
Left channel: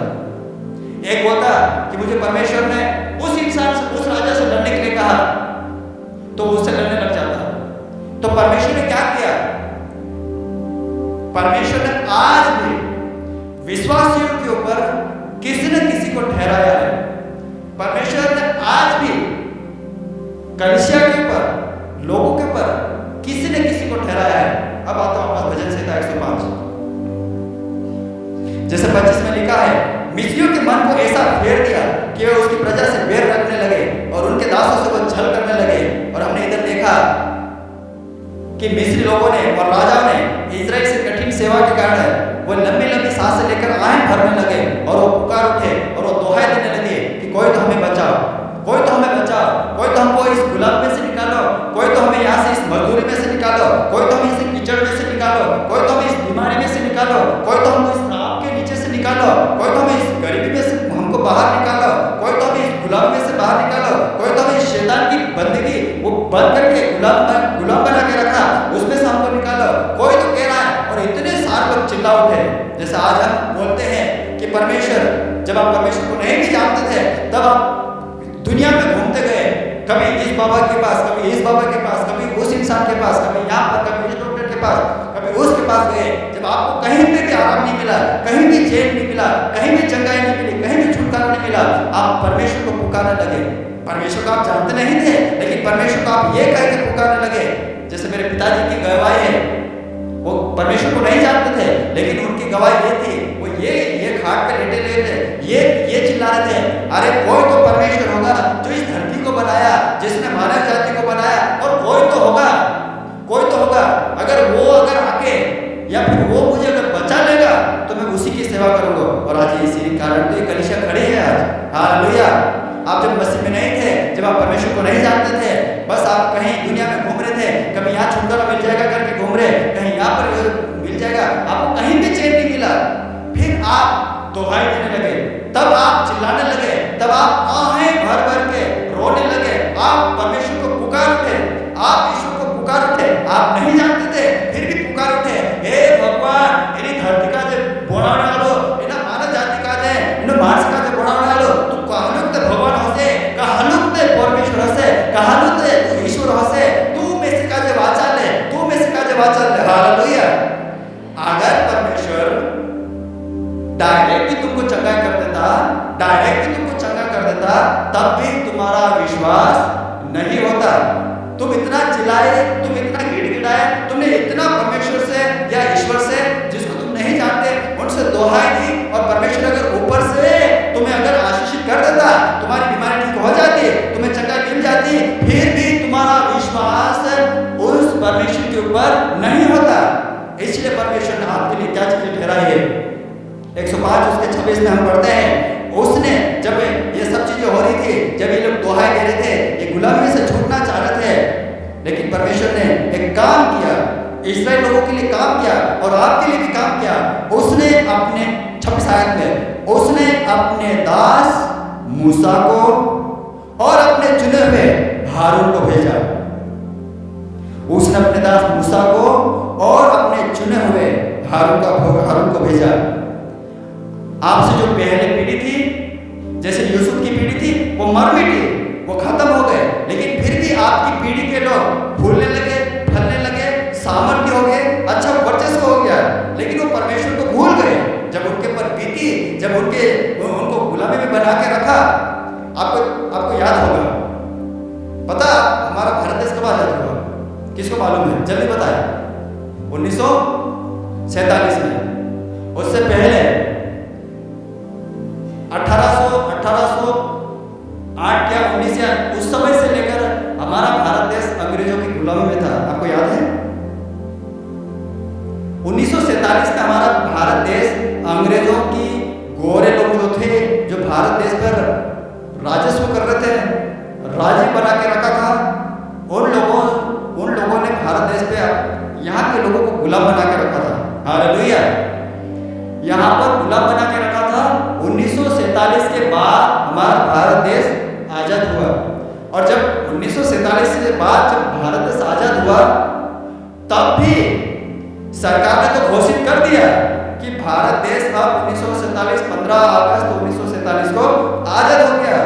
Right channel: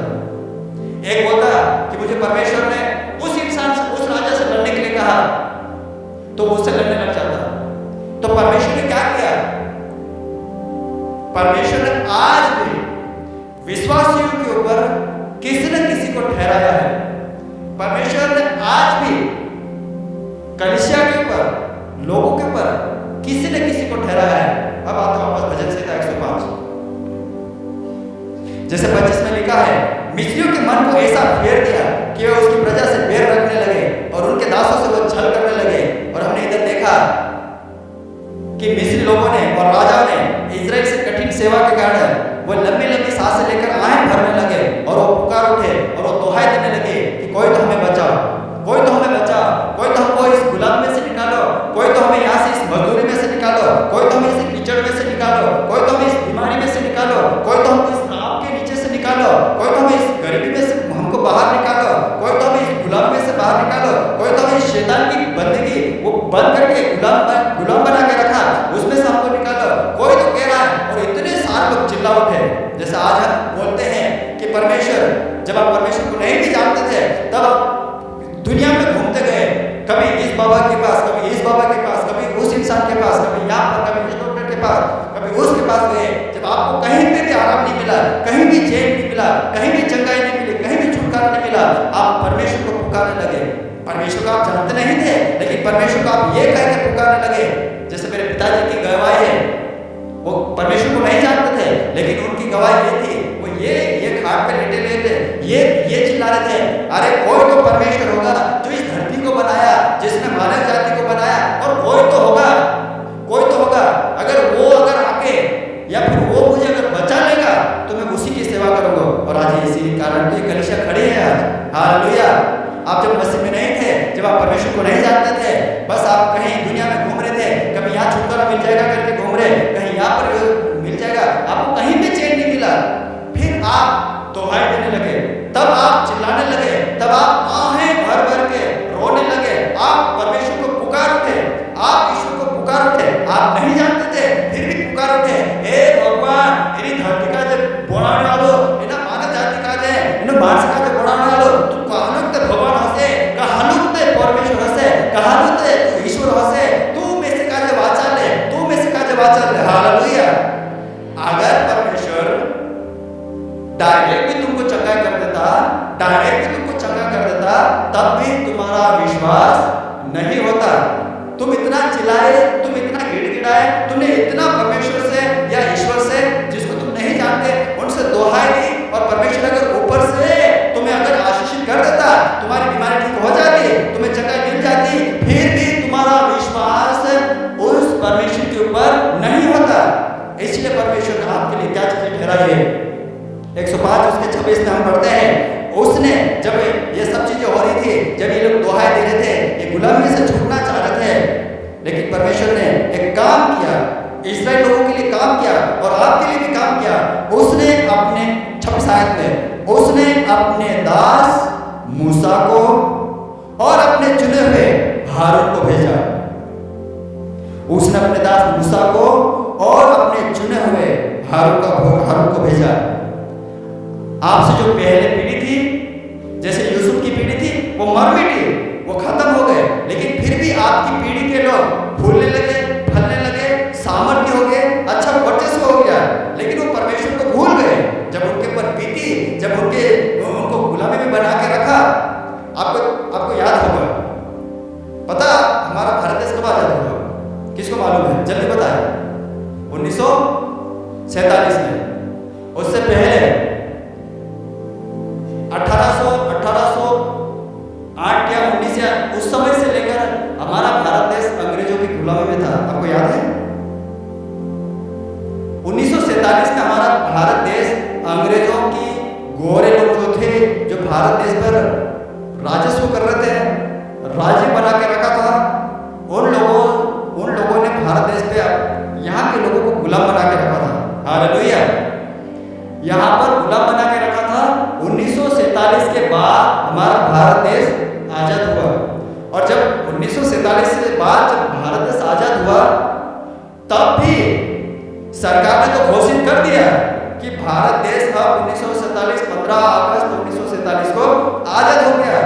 एक बोलता कि मुझे परमेश्वर ने उस इंसान से, उस राजा से लड़ने के लिए कहा, तो उससे लड़ने लग जाता। तो परमेश्वर ने क्या किया? परमेश्वर ने आज भी विश्वासियों के ऊपर किसी न किसी को ठहराया है। परमेश्वर ने आज भी कलीसिया के ऊपर, लोगों के ऊपर किसी न किसी को ठहराया है। अब आता हूं वापस भजन संहिता 105, जैसे 25 में लिखा है, मिस्रियों के मन को ऐसा फेर दिया कि वे उसकी प्रजा से बैर रखने लगे और उनके दासों से वो छल करने लगे। और हमने इधर देखा कि मिस्री लोगों ने और राजाओं ने इजराइल से कठिन सेवा के कारण वो लंबी लंबी सांसें लेकर आहें भरने लगे, और वो पुकार उठे और वो दोहाई देने लगे कि कोई तो हमें बचाओ, कोई तो हमें बचाओ, कोई तो हमको इस गुलाम में से निकालो, कोई तो हमें यहाँ से इस मजदूरी में से निकालो, कोई तो हमें इस कीचड़ में से निकालो, कोई तो हमें इस बीमारी में से निकालो, कोई तो हमको इस रात के नीचे से निकालो, कोई तो हमें इस गरीबी में से हमको बाहर निकालो, कोई तो हमें इस गुलाम में से बाहर निकालो, कोई तो हमें इस शैतान की बंदगी वो बंद करके गुलाम बना के रखा, उसमें से हमको निकालो, कोई तो कह रहा है। और इतने सारे लोग चिल्ला उठे। जैसे आज हम बोलते हैं कि परमेश्वर, जब आप परमेश्वर को नहीं भी जानते थे, तब आप दुनिया में घूमते गए, कभी इस बाबा के पास, कभी इस बाबा के पास, कभी उस इंसान के पास, कभी यहाँ पर, कभी इस डॉक्टर के पास, कभी उसके पास गए। जब आपको कहीं पे भी आराम नहीं मिला, कहीं भी चैन नहीं मिला, कहीं भी चंगाई नहीं मिली, कहीं भी छुटकारा नहीं मिला, आप परमेश्वर को पुकारने लगे। परमेश्वर को आप जानते नहीं थे, लेकिन परमेश्वर को आप ये कह के पुकारने लगे। जैसे मेरे पिताजी की गवाही है, वो परमेश्वर को नहीं जानते थे, लेकिन उनकी गवाही ये थी, वो ये खाट पे लेटे लेटे ये चिल्ला रहे थे, अरे कोई तो परमेश्वर होगा जो इस धरती को बनाया, जिसने मानव जाति को बनाया, और कोई तो होगा, कोई तो होगा। अगर आके या फिर वो मुझे अगर बचा लेगा तो मैं उसी की सेवा करूंगा। और आज इसी कारण तो ये कलीसिया खड़ी है आज। हालेलुया। आप जब मसीह में नहीं थे, जब आप परमेश्वर को नहीं जानते थे, बस आप कहीं दुनिया में घूम रहे थे, कभी यहाँ छुटकारा मिल जाएगा करके घूम रहे, कहीं यहाँ पर मिल जाएगा, आपको कहीं भी चैन नहीं मिला। फिर आप दोहाई देने लगे, तब आप चिल्लाने लगे, तब आप आहें भर भर के रोने लगे, आप परमेश्वर को पुकार उठे, आप ईश्वर को पुकार उठे। आप नहीं जानते थे, फिर भी पुकार उठे, हे भगवान, एनी धरती का जो बनाने वालो, एना मानव जाति का जे, एनो मानस का जो बनाने वालो, तू कहलुक ते भगवान हसे, कहलुक ते परमेश्वर हसे, कहलुक ते तू ईश्वर हसे, तू में से का जे वाचाले, तू में से का जे वाचाले। हालेलुया। अगर परमेश्वर डायरेक्ट भी तुमको चंगा कर देता, डायरेक्ट भी तुमको चंगा कर देता, तब भी तुम्हारा विश्वास नहीं होता। तुम इतना चिल्लाए, तुम इतना गिड़गिड़ाए, तुमने इतना परमेश्वर से या ईश्वर से जिसको तुम नहीं जानते उनसे दोहाई दी, और परमेश्वर अगर ऊपर से तुम्हें अगर आशीषित कर देता, तुम्हारी बीमारी ठीक हो जाती, तुम्हें चंगाई मिल जाती, फिर भी तुम्हारा विश्वास उस परमेश्वर के ऊपर नहीं होता। इसलिए परमेश्वर ने आपके लिए क्या चीजें ठहराई है। 105 उसके 26 में हम पढ़ते हैं, उसने जब ये सब चीजें हो रही थी, जब ये लोग दोहाई दे रहे थे, ये गुलामी से छूटना चाह रहे थे, लेकिन परमेश्वर ने एक काम किया, इस्राएल लोगों के लिए काम किया और आपके लिए भी काम किया। उसने अपने 26 आयत में उसने अपने दास मूसा को और अपने चुने हुए हारून को भेजा। उसने अपने दास मूसा को और अपने चुने हुए हारून को भेजा। आपसे जो पहले पीढ़ी थी, जैसे यूसुफ की पीढ़ी थी, वो मर मिटी, वो खत्म हो गए, लेकिन फिर भी आपकी पीढ़ी के लोग फूलने लगे, फलने लगे, सामर्थ्य हो गए, अच्छा वर्चस्व हो गया, लेकिन वो परमेश्वर को भूल गए। जब उनके ऊपर बीती, जब उनको गुलामी में बना के रखा, आपको याद होगा पता हमारा भारत देश कब आजाद हुआ? किसको मालूम है? जल्दी बताए। 1947 में। उससे पहले 1808 या 19 या उस समय से लेकर हमारा भारत देश अंग्रेजों की गुलामी में था। आपको याद है? 1947 में हमारा भारत देश अंग्रेजों की गोरे लोग जो थे, जो भारत देश पर राजस्व कर रहे थे, राज्य बना के रखा था, उन लोगों ने भारत देश पे यहाँ के लोगों को गुलाम बना के रखा था। हालेलुया। यहाँ पर गुलाम बना के रखा था। 1947 के बाद हमारा भारत देश आजाद हुआ। और जब 1947 से बाद जब भारत देश आजाद हुआ, तब भी सरकार ने तो घोषित कर दिया कि भारत देश अब 15 अगस्त 1947 को आजाद हो गया।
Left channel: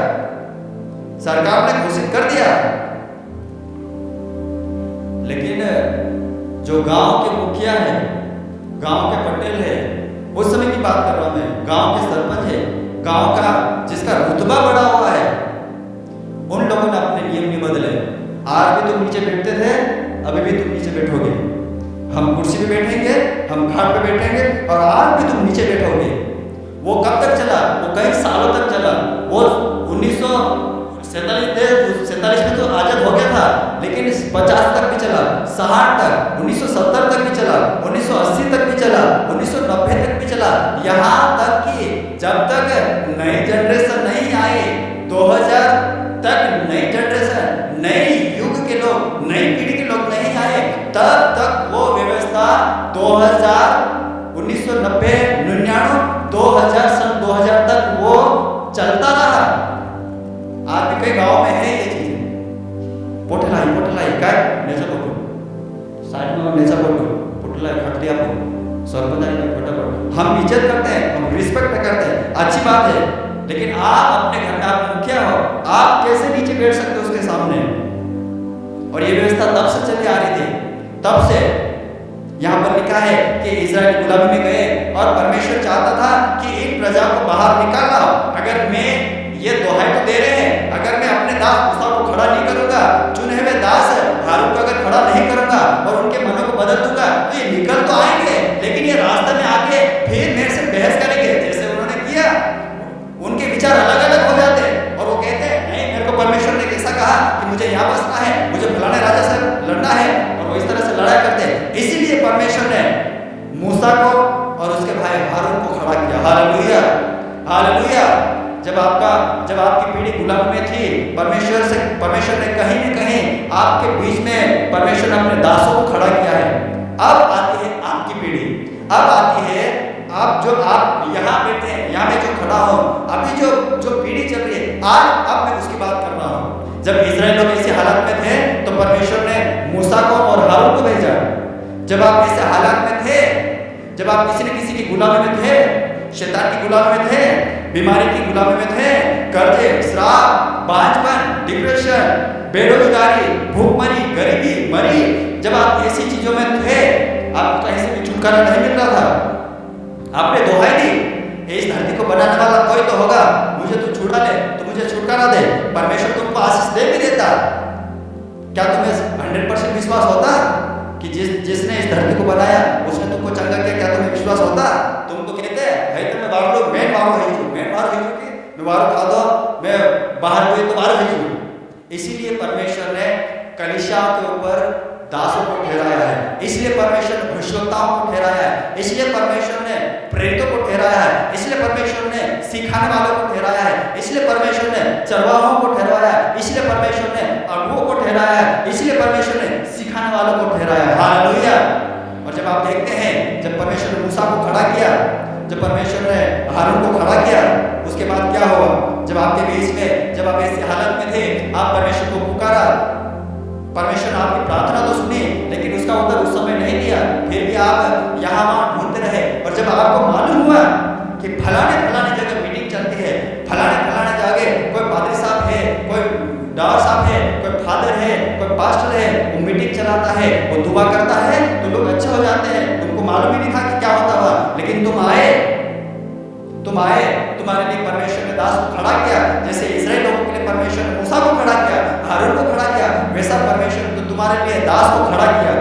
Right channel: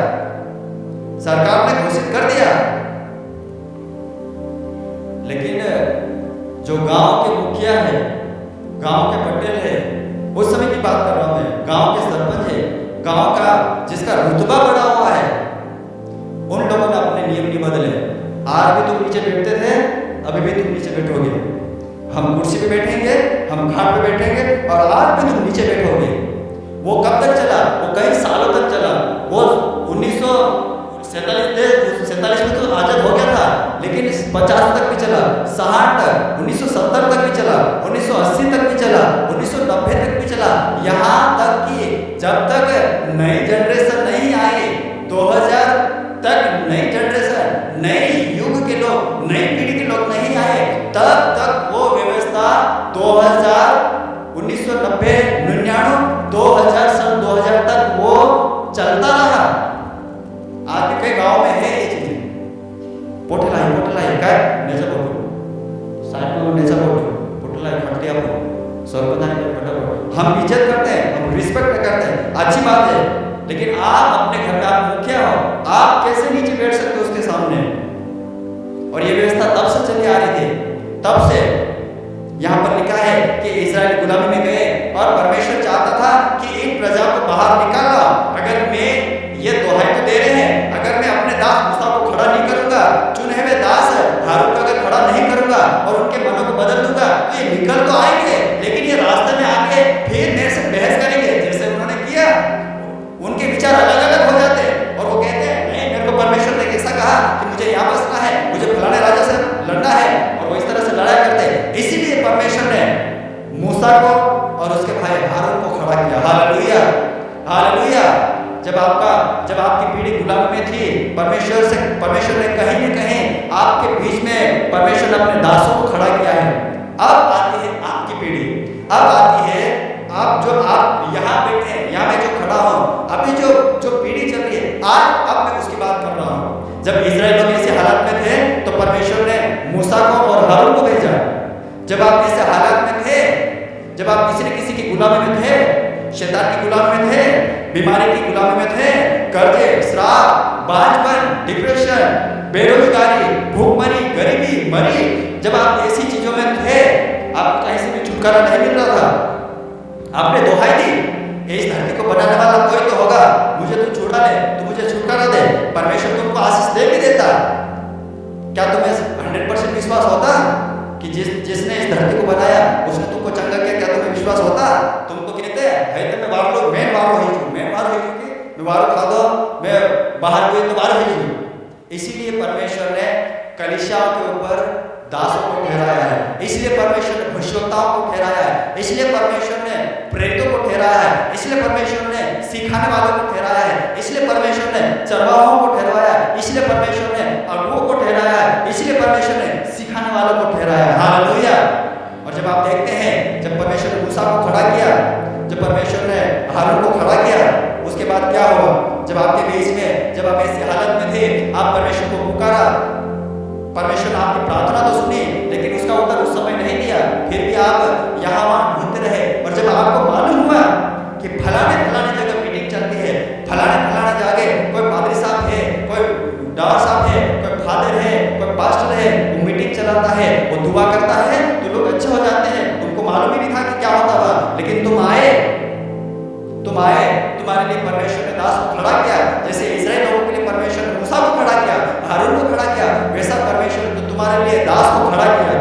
सरकार ने घोषित कर दिया। लेकिन जो गांव के मुखिया है, गांव के पटेल है, उस समय की बात कर रहा हूं मैं, गांव के सरपंच है, गांव का जिसका रुतबा बढ़ा हुआ है, उन लोगों ने अपने नियम नहीं बदले। आज भी तुम नीचे बैठते थे, अभी भी तुम नीचे बैठोगे। हम कुर्सी पे बैठेंगे, हम खाट पे बैठेंगे, और आज भी तुम नीचे बैठोगे। वो कब तक चला? वो कई सालों तक चला। वो 1947 में तो आजाद हो गया था, लेकिन 50 तक भी चला, 60 तक, 1970 तक भी चला, 1980 तक भी चला, 1990 तक भी चला, यहाँ तक कि जब तक नई जनरेशन नहीं आई, 2000 तक नई जनरेशन, नई युग के लोग, नई पीढ़ी के लोग नहीं आए, तब तक वो व्यवस्था 1990, 99, 2000 सन 2000 तक वो चलता रहा। आज भी कई गांव में है ये चीजें। पोटलाई काय नेचा फोटो साइड में नेचा फोटो पोटलाई खटती आपको सरपंच फटाफट। हम इज्जत करते हैं, हम रिस्पेक्ट करते हैं, अच्छी बात है। लेकिन आप अपने घर में आप मुखिया हो, आप कैसे नीचे बैठ सकते हो उसके सामने? और ये व्यवस्था तब से चली आ रही थी, तब से। यहाँ पर लिखा है कि इजराइल गुलामी में गए और परमेश्वर चाहता था कि इन प्रजा को बाहर निकालना। अगर मैं ये दोहाई तो दे रहे हैं, अगर मैं अपने दास मूसा को खड़ा नहीं करूंगा, चुने हुए दास हारून को अगर खड़ा नहीं करूंगा और उनके मनों को बदल दूंगा, तो ये निकल तो आएंगे, लेकिन ये रास्ते में आके फिर मेरे से बहस करेंगे, जैसे उन्होंने किया। उनके विचार अलग अलग हो जाते हैं और वो कहते हैं नहीं, मेरे को परमेश्वर ने ऐसा कहा कि मुझे यहाँ बसना है, मुझे फलाने राजा से लड़ना है, और वो इस तरह से लड़ाई करते हैं। इसीलिए परमेश्वर ने मूसा को और उसके भाई हारून को खड़ा किया। Hallelujah, hallelujah. जब आपकी पीढ़ी गुलामी में थी, परमेश्वर ने कहीं न कहीं आपके बीच में परमेश्वर ने अपने दासों को खड़ा किया है। अब आती है आपकी पीढ़ी, अब आती है आप यहाँ बैठे हैं, यहाँ मैं जो खड़ा हूँ, अभी जो पीढ़ी चल रही है आज, अब मैं उसकी बात कर रहा हूँ। जब इजराइल लोग ऐसे हालात में थे तो परमेश्वर ने मूसा को और हारून को भेजा। जब आप ऐसे हालात में थे, जब आप किसी न किसी की गुलामी में थे, शैतान की गुलामी में थे, बीमारी की गुलामी में थे, कर्जे, श्राप, बांझपन, डिप्रेशन, बेरोजगारी, भूखमरी, गरीबी, मरी, जब आप ऐसी चीजों में थे, आपको कहीं से भी छुटकारा नहीं मिल रहा था, आपने दोहाई दी, इस धरती को बनाने वाला कोई तो होगा, मुझे तू छुड़ा ले, तू मुझे छुटकारा दे। परमेश्वर तुमको आशीष दे भी देता। क्या तुम्हें 100% विश्वास होता कि जिसने इस धरती को बनाया उसने तुमको चंगा किया? क्या तुम्हें विश्वास होता? तुम तो कहते हैं तो मैं वारो है कि मैं वारो खा दो, मैं बाहर हुए तो वारो है। इसीलिए परमेश्वर ने कलीसियाओं के ऊपर दासों को ठहराया है, इसलिए परमेश्वर ने भविष्यवक्ताओं को ठहराया है, इसलिए परमेश्वर ने प्रेरितों को ठहराया है, इसलिए परमेश्वर ने सिखाने वालों को ठहराया है, इसलिए परमेश्वर ने चरवाहों को ठहराया है, इसलिए परमेश्वर ने अगुओं को ठहराया है, इसलिए परमेश्वर ने सिखाने वालों को ठहराया है। हालेलुया। और जब आप देखते हैं, जब परमेश्वर ने मूसा को खड़ा किया, जब परमेश्वर ने हारून को खड़ा किया, उसके बाद क्या हुआ? जब आपके बीच में, जब आप ऐसी हालत में थे, आप परमेश्वर को पुकारा, परमेश्वर ने आपकी प्रार्थना तो सुनी, लेकिन उसका उत्तर उस समय नहीं दिया। फिर भी आप यहाँ वहाँ ढूंढते रहे, और जब आपको मालूम हुआ कि फलाने जगह मीटिंग चलती है, फलाने जगह कोई पादरी साहब है, कोई डावर साहब है, कोई फादर है, कोई पास्टर है, वो मीटिंग चलाता है, वो दुआ करता है, तो लोग अच्छे हो जाते हैं। तुमको मालूम ही नहीं था कि क्या होता हुआ, लेकिन तुम आए, तुम आए, तुम्हारे लिए परमेश्वर ने दास को खड़ा किया, जैसे इस्राएल लोगों के लिए परमेश्वर ने मूसा को खड़ा किया, हारून को खड़ा किया, वैसा परमेश्वर ने तुम्हारे लिए दास को खड़ा किया।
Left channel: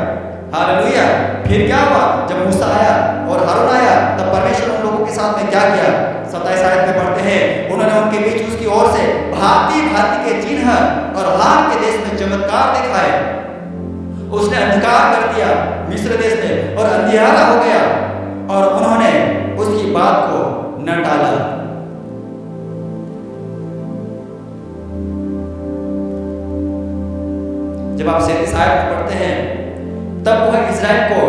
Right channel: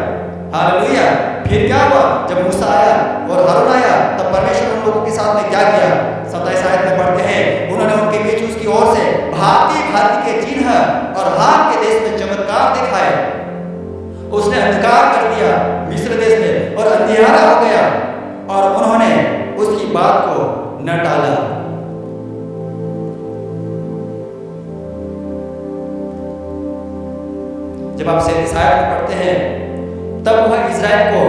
हालेलुया। फिर क्या हुआ? जब मूसा आया और हारून आया, तब परमेश्वर उन लोगों के साथ में क्या किया? 27 आयत में पढ़ते हैं, उन्होंने उनके बीच उसकी ओर से भांति भांति के चिन्ह और हाम के देश में चमत्कार दिखाए। उसने अंधकार कर दिया मिस्र देश में और अंधियारा हो गया, और उन्होंने उसकी बात को न टाला। जब आप 37 आयत में पढ़ते हैं, तब वह इज़राइल को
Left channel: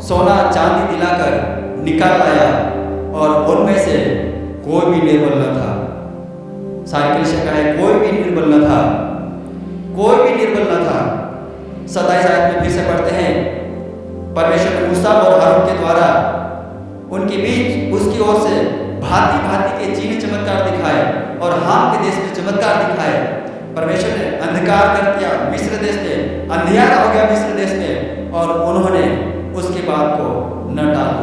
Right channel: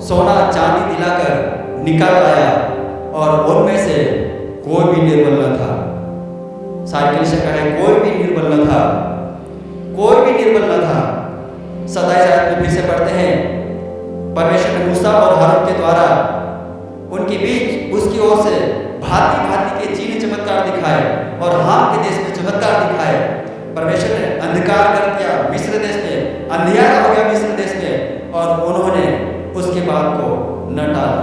सोना चांदी दिलाकर निकाल लाया और उनमें से कोई भी निर्बल न था। सारी कलीसिया का है, कोई भी निर्बल न था, कोई भी निर्बल न था। 27 आयत में फिर से पढ़ते हैं, परमेश्वर ने मूसा और हारून के द्वारा उनके बीच उसकी ओर से भांति भांति के चिन्ह चमत्कार दिखाए और हाम के देश में चमत्कार दिखाए। परमेश्वर ने अंधकार कर दिया मिस्र देश में, अंधियारा हो गया मिस्र देश में, और उन्होंने उसके बात को न टाला।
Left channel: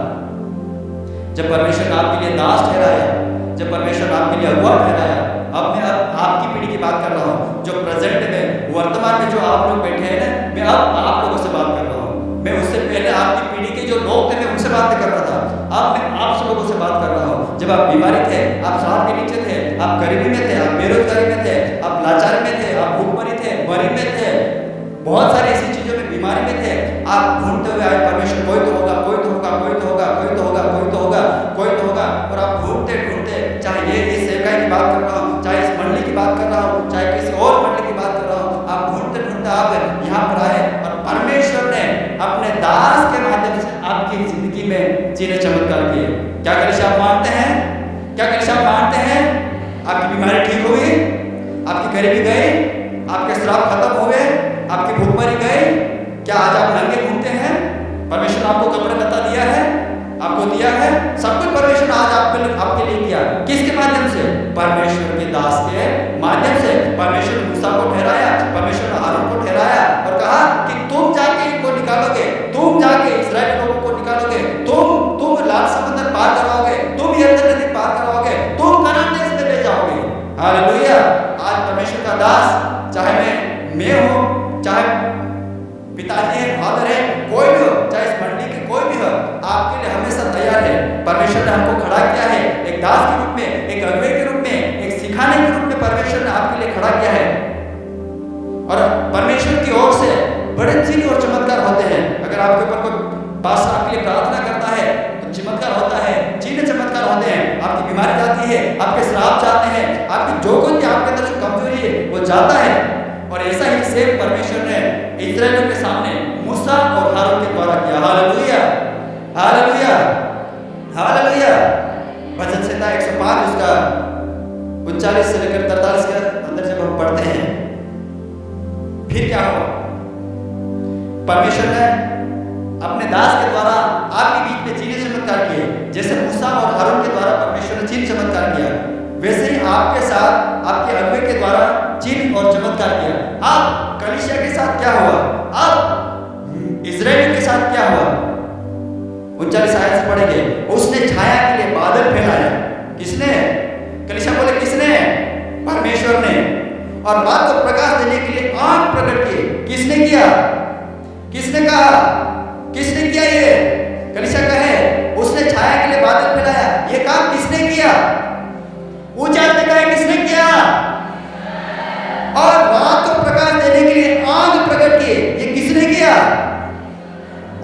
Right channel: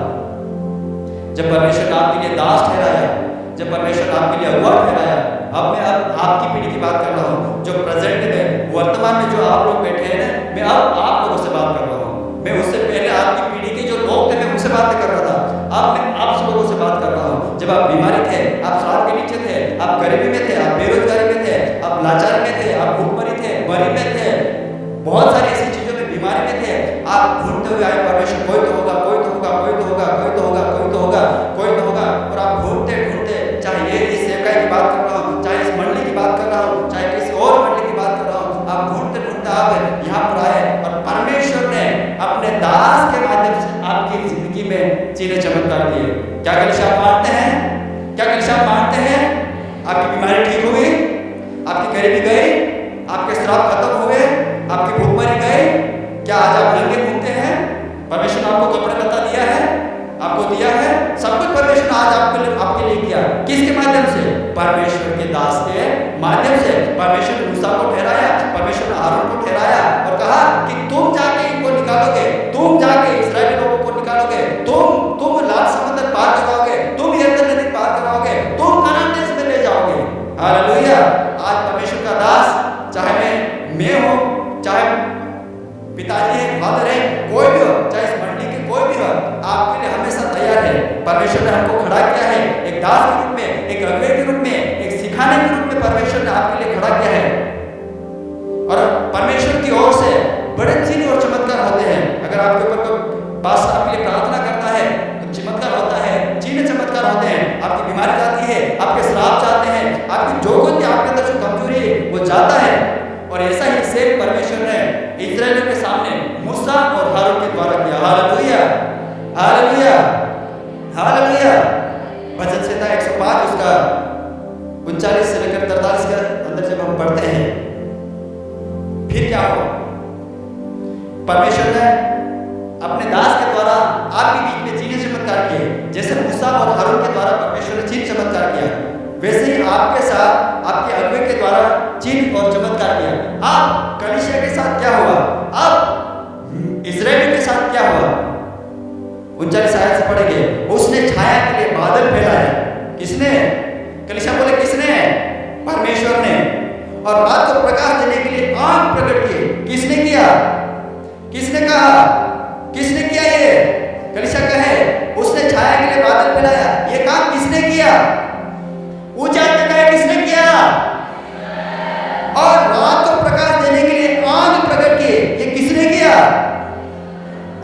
जब परमेश्वर ने आपके लिए दास ठहराया, जब परमेश्वर ने आपके लिए अगुआ ठहराया, अब मैं आपकी पीढ़ी की बात कर रहा हूँ, जो प्रेजेंट में वर्तमान में जो आप लोग बैठे हैं ना, मैं अब आप लोगों से बात कर रहा हूँ। मैं उससे पहले आपकी पीढ़ी के जो लोग थे मैं उनसे बातें कर रहा था, अब मैं आप सब लोगों से बात कर रहा हूँ। जब आप बीमारी थे, आप श्राप के नीचे थे, आप गरीबी में थे, आप बेरोजगारी में थे, आप लाचारी में थे, आप भूखमरी थे, मरी में थे, बहुत सारी ऐसी चीजों में बीमारी में थे, आप ढूंढते हुए आए परमेश्वर, कोई तो होगा, कोई तो होगा, कोई तो होगा, कोई तो होगा, कोई तो होगा, कोई तो होगा, और आप ढूंढते ढूंढते, चाहे ये इस सेवकाई की बात कर रहा हूँ, चाहे इस मंडली की बात कर रहा हूँ, चाहे किसी और मंडली की बात कर रहा हूँ, आप ढूंढते ढूंढते आप यहाँ पर आए और परमेश्वर ने अपने दास के माध्यम से आपकी जिंदगी में चिन्ह चमत्कार किए। क्या कलीसिया आप मानते हैं? क्या कलीसिया आप मानते हैं? आपकी बीमारी ठीक हुई, आपकी गरीबी गई, आपके श्राप खत्म हुए, आपकी भूखमरी गई? क्या आज आप नंगे घूमते हैं? परमेश्वर ने आपको कपड़े लता दिया है, आपको दिया है, सब कुछ परमेश्वर ने आज आपके लिए किया। किसके माध्यम से? परमेश्वर के दास के माध्यम से। परमेश्वर ने मूसा को ठहराया, परमेश्वर ने हारून को ठहराया और कहा कि तुम जाके इनको निकालोगे, तुम जाके इस्राएली लोगों को निकालोगे, तुम लाल समंदर पार कराओगे, तुम यरदन नदी पार कराओगे, तुम कनान देश में ले जाओगे। हालेलुया। आज परमेश्वर का दास, चाहे मैं हूँ, चाहे पिताजी है, फादर है, कोई भी हो, चाहे इस मंडली के कोई भी हो, आपके लिए हमेशा तैयार है। परमेश्वर ने हमको खड़ा किया है एक दास के रूप में, एक अगुवे के रूप में, एक सिखाने के रूप में परमेश्वर ने आपके लिए खड़ा किया है। और परमेश्वर की ओर से बड़े चिन्ह और चमत्कार होते हैं। अगर आपके ऊपर कोई पास्टर आपके लिए प्रार्थना करता है तो चमत्कार होता है, चिन्ह चमत्कार होते हैं। आपकी बीमारी जाती है, आपके श्राप जाते हैं, आपकी जो कुछ आपके अंदर जो कमजोरी है वो जाता है। और ऐसा ही सेम परमेश्वर ने इस्राएलियों के सामने मूसा और हारून के द्वारा किया। Hallelujah, hallelujah, hallelujah. भजन संहिता 105 उसका 39 से लेकर 43 के अंदर जब हम पढ़ते हैं, फिर क्या हुआ? परमेश्वर ने अपने दास के द्वारा आपके बीच में चिन्ह चमत्कार किए। जैसे मूसा और हारून के द्वारा परमेश्वर ने चिन्ह चमत्कार किया, वैसे ही आपके साथ आपके अगुवे के द्वारा चिन्ह और चमत्कार किया। अब कलीसिया के साथ क्या हुआ? अब इस्राएलियों के साथ क्या हुआ? 39 आयत से पढ़ेंगे। उसने छाया के लिए बादल फैलाया। किसने? कलीसिया बोले किसने? परमेश्वर ने। और रात को प्रकाश देने के लिए आग प्रकट किए। किसने किया? किसने कहा? किसने किया? ये कलीसिया कहे उसने छाया के लिए बादल फैलाया। ये काम किसने किया? ऊंचा कहे किसने किया? और रात को प्रकाश देने के लिए आग प्रकट किए। ये किसने किया?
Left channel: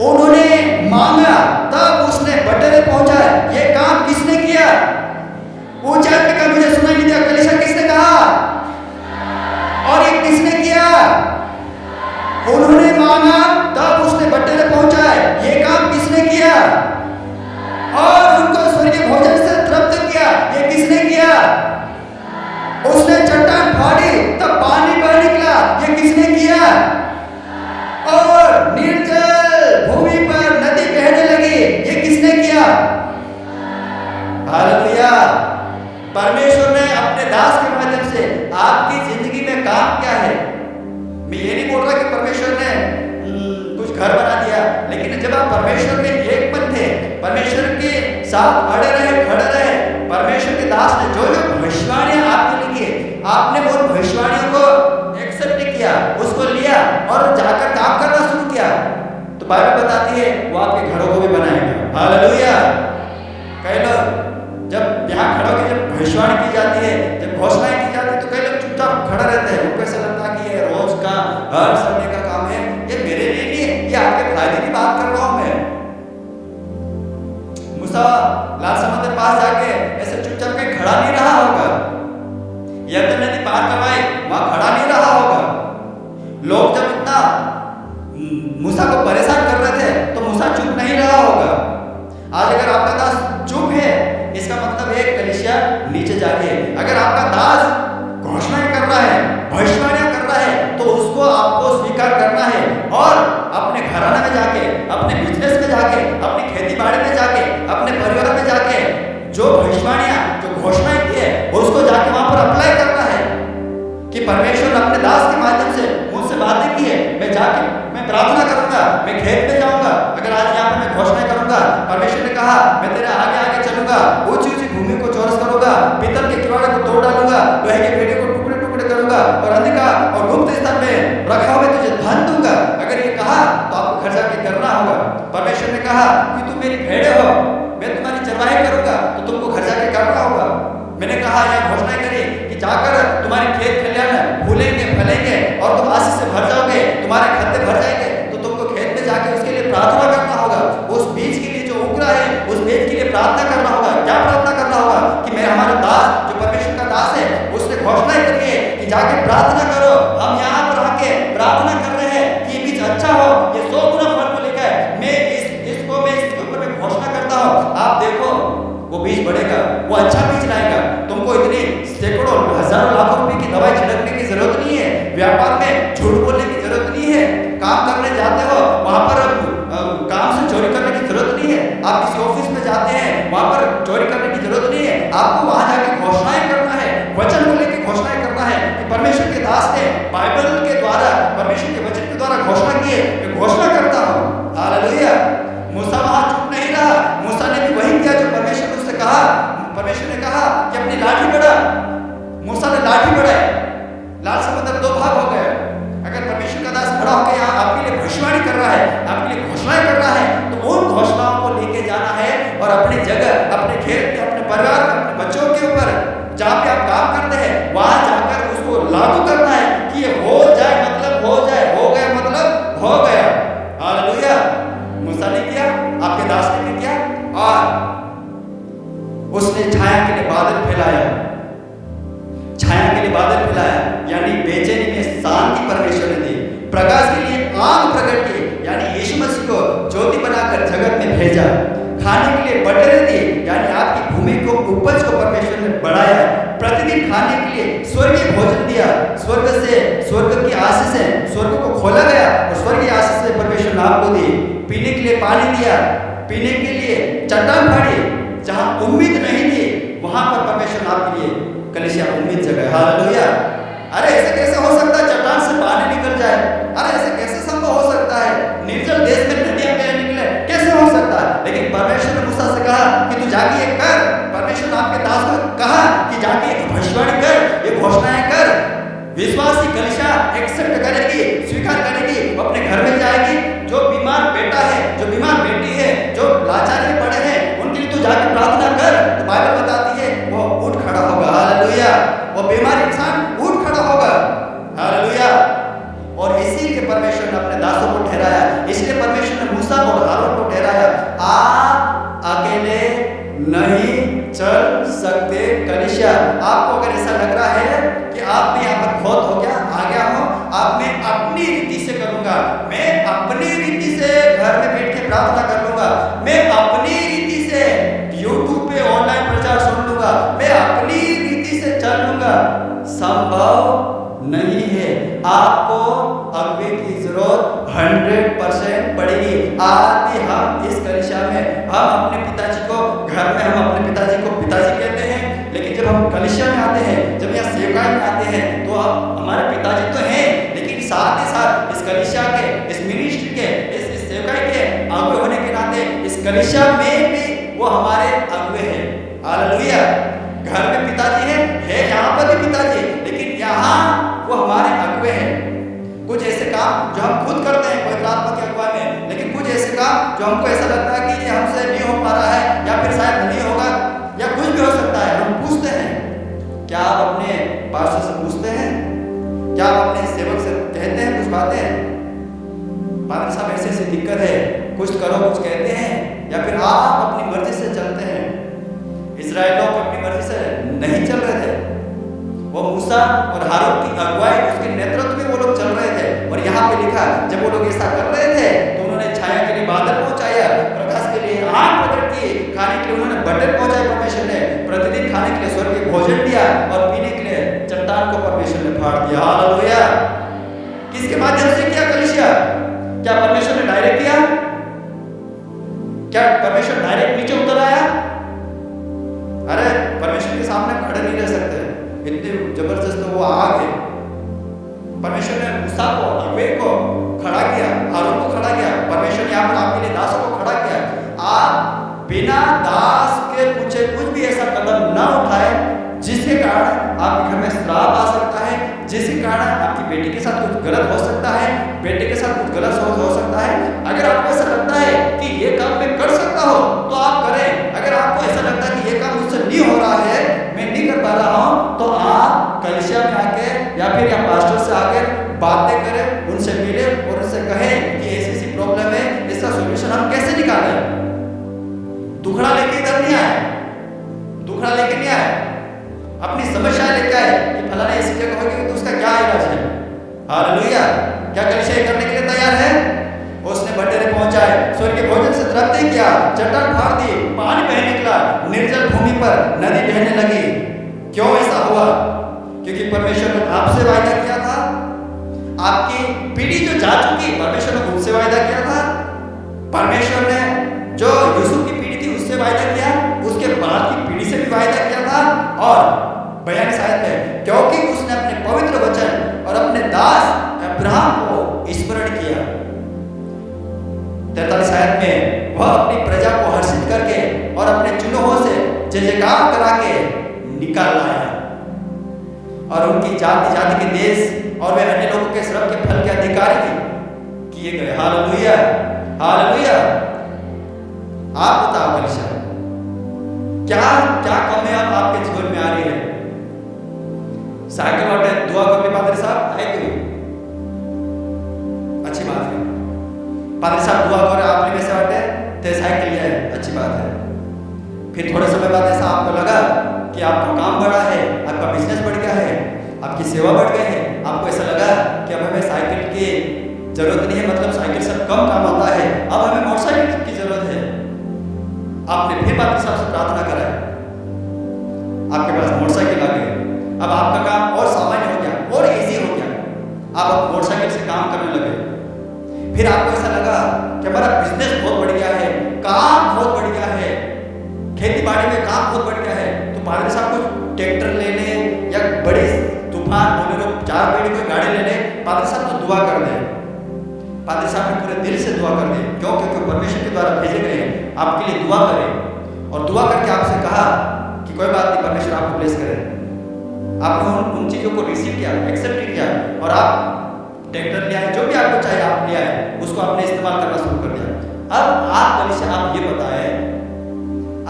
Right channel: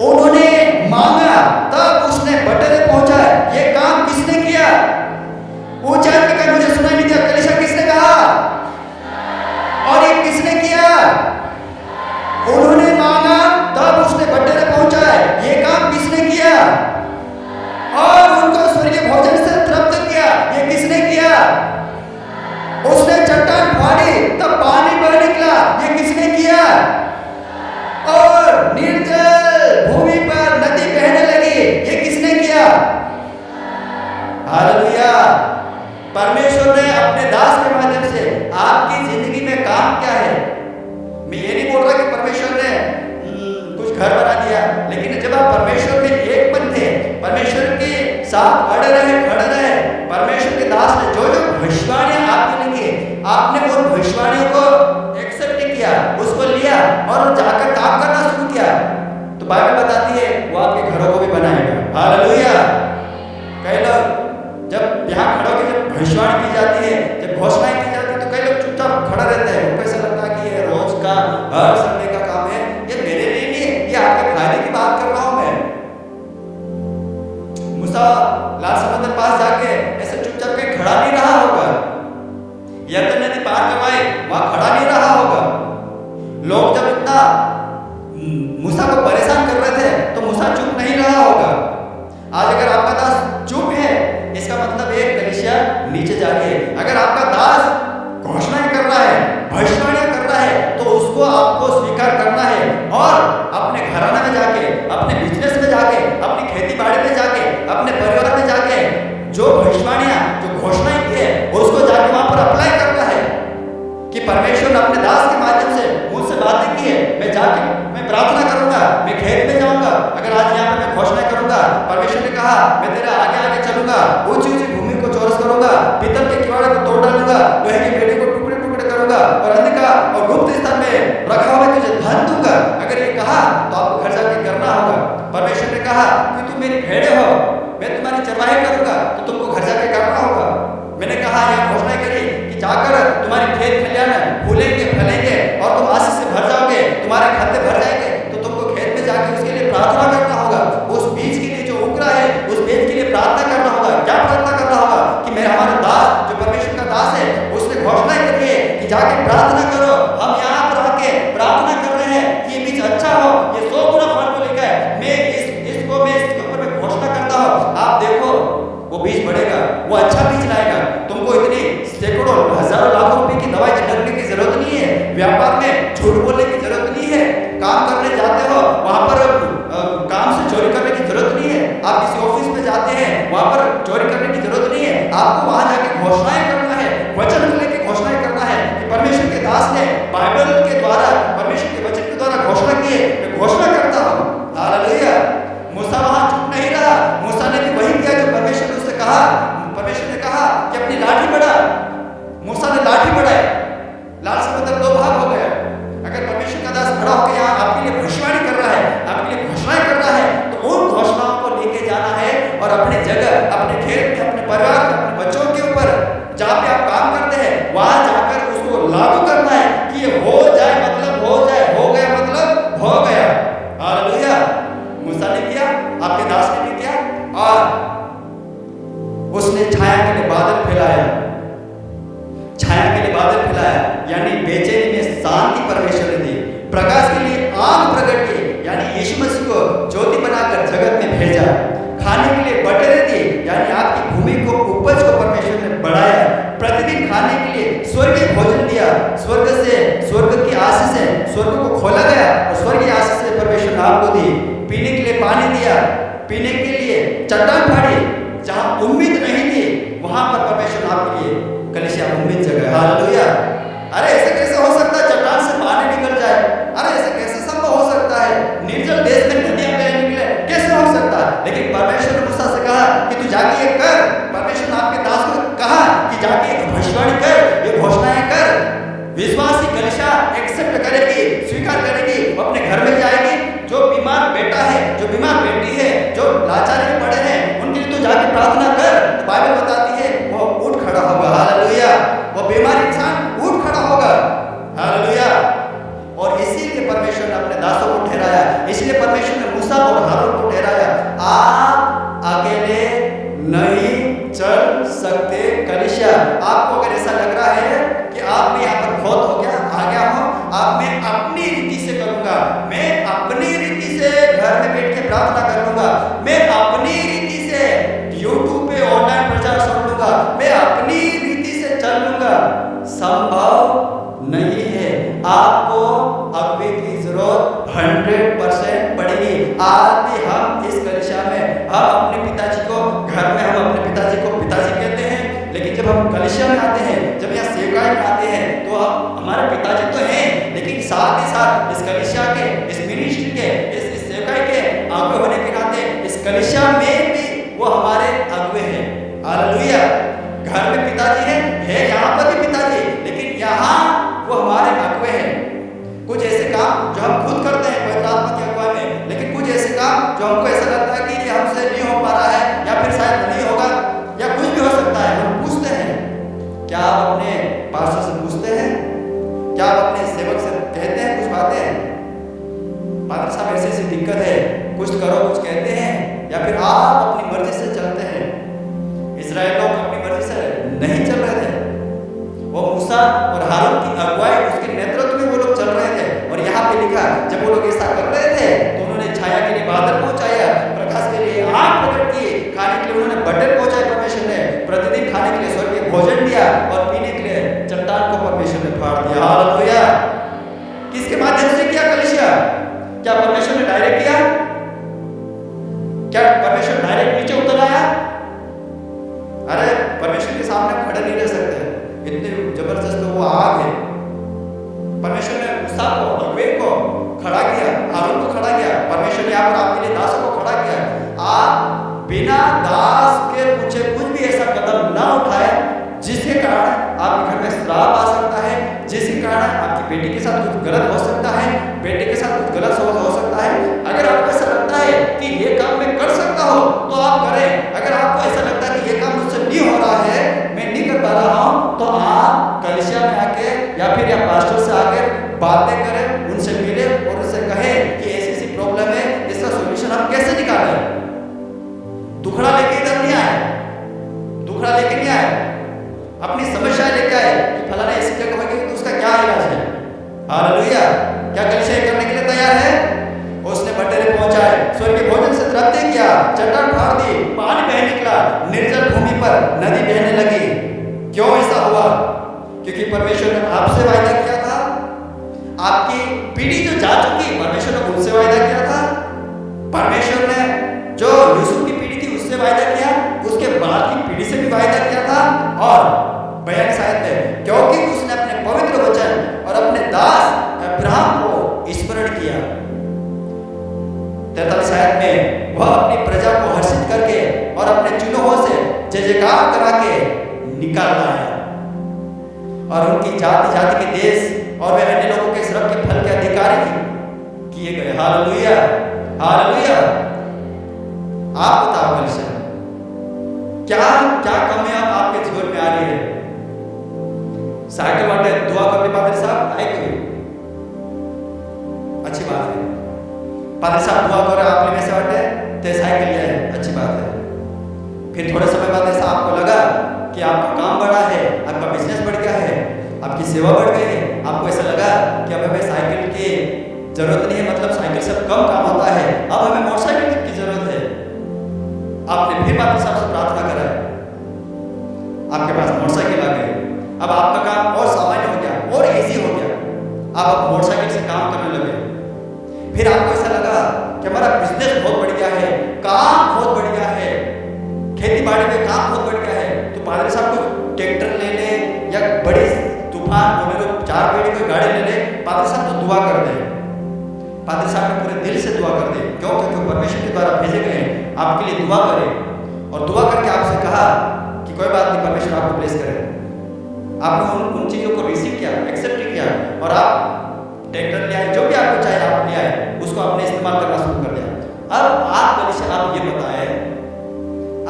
उन्होंने मांगा तब उसने बटोरे पहुंचाए। ये काम किसने किया? ऊंचा कहे मुझे सुनाई नहीं दिया। कलीसिया किसने कहा? और ये किसने किया? उन्होंने मांगा तब उसने बटोरे पहुंचाए। ये काम किसने किया? और उनको स्वर्गीय भोजन से तृप्त किया। ये किसने किया? उसने चट्टान फाड़ी तब पानी बह निकला। ये किसने किया? और निर्जल भूमि पर नदी बहने लगी। ये किसने किया? हालेलुया। परमेश्वर ने अपने दास के माध्यम से आपकी जिंदगी में काम क्या है? मैं ये नहीं बोल रहा कि परमेश्वर ने कुछ घर बना दिया, लेकिन जब आप परमेश्वर में एक मन थे, परमेश्वर के साथ अड़े रहे, खड़े रहे, परमेश्वर के दास ने जो जो भविष्यवाणियां आपके लिए की, आपने उन भविष्यवाणियों को एक्सेप्ट किया, उसको लिया और जाकर काम करना शुरू किया, तो बाइबल बताती है वो आपके घरों को भी बनाएगा। हालेलुया। कई लोग जब यहाँ खड़े होकर जब भविष्यवाणी की जाती है, जब घोषणाएं की जाती है, तो कई लोग चुपचाप खड़ा रहते हैं। उनको ऐसा लगता है कि ये रोज का हर संडे का काम है, ये मेरे लिए नहीं है, ये आपके फायदे की बात कर रहा हूं मैं। मूसा लाल समुद्र पास जाके ऐसे चुपचाप कहीं खड़ा नहीं रहा होगा, यरदन नदी पार करवाए वहां खड़ा नहीं रहा होगा। लोग जब इतना मूसा को परेशान कर रहे थे तो मूसा चुप नहीं रहा होगा। आज अगर आपका दास चुप है, इसका मतलब एक कलीसिया नीचे जा रही है। अगर आपका दास घोषणाएं कर रहा है, भविष्यवाणियां कर रहा है, तो उसको आपको स्वीकार करना है और अपने घराना में जाके, अपने बिजनेस में जाके, अपनी खेती बाड़ी में जाके, अपने परिवार में जाके जो भविष्यवाणियां, जो घोषणाएं की है, उसको जाके वहां पर अप्लाई करना है कि परमेश्वर ने अपने दास के माध्यम से मुझसे बातें की है। मैं जाके मैं प्रार्थना करूंगा, मैं खेत में जाऊंगा, अगर आज यहाँ पर मैं घोषणा करूंगा, परमेश्वर ने कहा मैं तेरे आगे आगे चलूंगा, ऊंची ऊंची भूमि को चौरस करूंगा, पीतल के किवाड़े को तोड़ डालूंगा, लोहे के बेड़े को टुकड़े टुकड़े करूंगा और अंधकार और गुप्त स्थान में रखा हुआ मैं तुझे धन दूंगा। अगर ये कहा तो आपको घर जाके करना होगा। परमेश्वर ने कहा कि तुम मेरी भेड़े हो, मैं तुम्हारी चरवाही करूंगा, तो तुमको घर जाके करना होगा। मैंने कहा यह घोषणा करी कि जाकर तुम्हारे खेत खलियान फूलेंगे फलेंगे और तुम आशीष से भर जाओगे, तुम्हारे खत्ते भर जाएंगे, तो तुमको खेत में जाके उसके लिए प्रार्थना करना होगा। उस बीज के लिए जो उग रहा है, उस बीज के लिए प्रार्थना करना होगा। क्या प्रार्थना करना होगा कि मेरा हमारा दास जो परमेश्वर का दास है, उसने घोषणाएं करी है कि जाके प्रार्थना करो। हम यहाँ पर आके प्रार्थना कर रहे हैं कि ये बीज अच्छा हो, ये 100 गुना फल को लेकर मैं इसके ऊपर मैं घोषणा करता हूँ। आप देखो वो बीज बढ़ेगा, वो अच्छा बीज लाएगा। तुमको इतनी सैकड़ों हजारों लाखों रुपए की दवाई छिड़कने की जरूरत नहीं है, व्यापार में झूठ बोलने की जरूरत नहीं है, काम करने जाते हो वहां पर काम से चोरी करने की जरूरत नहीं है, आप किसी ऑफिस में जाते हैं वहां पर चोरी करने की जरूरत नहीं है। आपको वहां जाके घोषणाएं करना है, वचन को लेकर घोषणाएं करना है कि परमेश्वर के दास ने बाइबल के द्वारा, परमेश्वर के वचन के द्वारा घोषणा की है, मैं घोषणा करता हूँ। हालेलुया। मूसा वहां चुप नहीं रहा, मूसा ने भी वही किया जो परमेश्वर ने उससे कहा। परमेश्वर ने कहा कि अपनी लाठी बढ़ा, मूसा ने लाठी बढ़ाई, लाल समुद्र 2 भाग हो गया। अगर परमेश्वर का दास खड़ा होकर यहाँ आपके लिए भविष्यवाणी कर रहा है, आपके लिए घोषणाएं कर रहा है, तो उन घोषणाओं को लेके जाना है और अपनी जगह, अपने खेत में, अपने परिवार में, अपने बच्चों के ऊपर जहाँ पे आप काम करते हैं वहां जाकर उसको लागू करना है कि ये हो जाए मतलब हो जाए, हो गया मतलब हो गया। हालेलुया। मूसा ने किया, आपके दास ने भी किया और उसने छाया के लिए बादल फैलाया, छाया के लिए बादल फैलाया, यानी बेचैनी में शांति परमेश्वर ने दी। प्रकाश के लिए आग प्रकट की, यानी यीशु मसीह को ज्योति बनाकर जगत में भेजा। खाने के लिए बटेरे दिए, यानी आपकी भूमि को, उपज को परमेश्वर ने बढ़ाया। प्रतिदिन खाने के लिए स्वर्गीय भोजन दिया, स्वर्ग की आशीष से स्वर्ग को खोला गया और स्वर्गीय आशीष से परमेश्वर ने आपको दी। पीने के लिए पानी दिया, पीने के लिए चट्टान फाड़ी, जहां उम्मीद नहीं थी वहां पर परमेश्वर ने आपके लिए कलीसिया उम्मीद जगह। हालेलुया। अरे ऐसे कैसे हो सकता है चट्टान से पानी निकल जाए? अरे ऐसे कैसे संभव हो सकता है? निर्जल देश में नदियां बह निकले, कैसे हो सकता है? लेकिन परमेश्वर ने मूसा से कहा कि तू जाके ये कर। परमेश्वर ने आपके दास को कहा कि जाके एक भविष्यवाणी कर, ये घोषणाएं कर। विश्वासी कलीसिया एक्सेप्ट करेगी, स्वीकार करेगी, अपने घर में जाएगी। जो बीमार बेटा है, जो बीमार बेटी है, जो लाचारी में पड़े हैं, उनके लिए तो जाके प्रार्थना कर, तो बाइबल बताती है वो उठ खड़ा होगा। हालेलुया। वो बीमार इंसान उठ खड़ा होगा। हालेलुया। और इसीलिए परमेश्वर ने अपने दासों को ठहराया, इसलिए परमेश्वर ने मूसा और हारून को ठहराया। आप अकेले नहीं चल सकते कलीसिया। आपको अगर ऐसा लग रहा है कि आप में यहाँ पर खोत हो गया, आ गया हो, आप मैं अपनी रीति से करूंगा, मैं अपनी रीति से घर में बैठ के प्रार्थना कर लूंगा, मैं अपनी रीति से यूट्यूब पे ऑनलाइन प्रचार सुन लूंगा, मैं अपनी रीति से चल लूंगा, संभव नहीं है। आपको अगुवे की जरूरत 100% पड़ेगी। आज भी हम इस कलीसिया में, हम अपने पिताजी को घर में, हम अपने पिताजी को पिताजी कहते हैं, लेकिन जब हम कलीसिया में आते हैं, जब यहाँ सेवकाई में आते हैं, तो हम हमारे पिताजी तो हैं, लेकिन साथ ही साथ इस कलीसिया के, इस मिनिस्ट्री के, इस सेवकाई के अगुवे होने के नाते इस कलीसिया में भी वो हमारे अगुवे हैं। हालेलुया। घर में पिताजी है यहाँ पर भी पिताजी, लेकिन यहाँ वो हमारे अगुवे हैं। कुछ ऐसे काम जो हम खुद करते हैं पवित्र आत्मा की अगुवाई में, लेकिन कुछ ऐसे काम जो हमको ऐसा लगता है कि ये हमसे नहीं हो पा रहा है या फिर शायद नहीं होगा या कुछ भी हो सकता है, हम पूछते हैं। क्या आप अपने पास्टर से पूछते हैं? क्या आप अपने सेवक से कहते हैं कुछ बातें? पादरी साहब ऐसी ऐसी दिक्कत है, कुछ करो, कुछ कहते हैं, या फिर आप अपनी मर्जी से चलते हैं? इजराइल लोग अपनी मर्जी से नहीं चल रहे थे, वो मूसा और हारून की अगुवाई, उसके नेतृत्व में वो लोग चल रहे थे। और यहाँ पे लिखा, जब वो लोग ऐसा कर रहे थे तो उन्होंने छाया के लिए बादल पहुंचाया, प्रकाश के लिए आग प्रकट की, खाने के लिए उन्होंने बटन पहुंचाए परमेश्वर ने, प्रतिदिन खाने के लिए स्वर्गीय भोजन दिया और पीने के लिए चट्टान को परमेश्वर ने फाड़ दिया। हालेलुया। किसके माध्यम से किया कलीसिया? क्या परमेश्वर ने डायरेक्ट किया? क्या परमेश्वर डायरेक्ट नीचे उतर आया? अरे परमेश्वर के सामने खड़े नहीं रह सकते, इतनी जबरदस्त वो आग है। परमेश्वर ने मूसा को, अगुवे को खड़ा किया, हारून को खड़ा किया, परमेश्वर ने यहाँ पर आपके लिए दासों को खड़ा किया। आप बिना दास के पूछे कुछ भी ऐसा कदम ना उठाए जिसके कारण आपके घर में श्राप आ सकता है, जिसके कारण आपकी बेटी के साथ कुछ गलत हो सकता है, बेटे के साथ कुछ गलत हो सकता है। अगर आपको ऐसा लगता है कि ये काम मैं कर सकता हूँ तो आप करें। अगर आपको ऐसा लगता है कि ये काम मुझसे नहीं हो रहा है, मैं नहीं कर पा रहा हूँ, तो आप कलीसिया में आके या फिर या पास्टर से आकर बातें करें, उनसे मिले और उनसे कहें कि ऐसी ऐसी प्रॉब्लम है, इसका सोल्यूशन हम कैसे निकालें। दुखड़ा लेके इधर नहीं आए, दुखड़ा लेके नहीं आए, अपनी समस्या लेके आए कि फलाने ऐसी जगह होगी तो उसका क्या इलाज है। हालेलुया। क्या कलीसिया ये करने के लिए तैयार है? उसने बटेरे पहुंचाए, स्वर्गीय भोजन से तृप्ति किया, चट्टान फाड़ दी, पानी बह निकला, निर्जल भूमि पर नदी बहने लगी। क्यों ऐसा हुआ? क्योंकि परमेश्वर ने आपसे वायदा किया था, आपकी पीढ़ी जो जा चुकी, परमेश्वर ने उनसे वायदा किया था। परमेश्वर ने जो यूसुफ की पीढ़ी थी उससे वायदा किया, उसके बाद की पीढ़ी से भी वायदा किया था। और 42 आयत में, क्योंकि उसने अपने पवित्र वचन और अपने दास अब्राहम को स्मरण किया। 43 आयत में, वह अपनी प्रजा को हर्षित करके और अपने चुनों से जय जयकार करा के निकाल लाया और उनकी जाति जाति के देश और वे अन्य लोगों के श्रम के फल के अधिकारी किए गए। हालेलुया। हालेलुया। आप बताओ कलीसिया, क्या क्या कमी अब आपके जीवन में आ रही है? साइकिल वाटे दुआ करने पादरी साहब आए कोई अच्छी बात है, पादरी साहब दुआ करे आप में से वाटे ते साइकिल लिया है, अच्छी बात है। फिर थोड़े समय बाद ऐसा आपको लगा कि आपका काम बढ़ा है, आपका बिजनेस बढ़ गया है, आपकी सेवा बढ़ गई है, आपको ऐसा लगा कि अब हमें साइकिल की जरूरत नहीं है, मतलब साइकिल से कम काम आता है, अब हमें मोटरसाइकिल की जरूरत है। आपने फिर पादरी साहब से प्रार्थना करा है, आपके पास मोटरसाइकिल आ गई, अब आपका काम और सामान्य हो गया और इजी हो गया, आप अब मोटरसाइकिल से काम करने लगे। फिर आपको ऐसा लगा कि हमारा बिजनेस बहुत बढ़ गया है, काम बहुत बढ़ गया है, खेती बाड़ी में काम बहुत बढ़ गया है, तो पादरी साहब कुछ ट्रैक्टर ले ले या बड़ी तूफान बोलेरो 4 पेड़ी कोई गाड़ी ले ले, पादरी साहब तो दुआ कर दे। पादरी साहब ने पूरे दिल से दुआ कर दे, क्यों? क्योंकि परमेश्वर के द्वारा भेजे गए आपके लिए दुआ करें और दुआ करके आपसे कहा कि कोई बात नहीं, परमेश्वर आपको ब्लेस करे। आपने उन चीज़ों को रिसीव किया, एक्सेप्ट किया और आप ट्रैक्टर ले आए, जो भी आपको चाहिए आप ले आए, उसको आपने इस्तेमाल करना शुरू कर दिया। अब आप कलीसिया आप ये बताएं,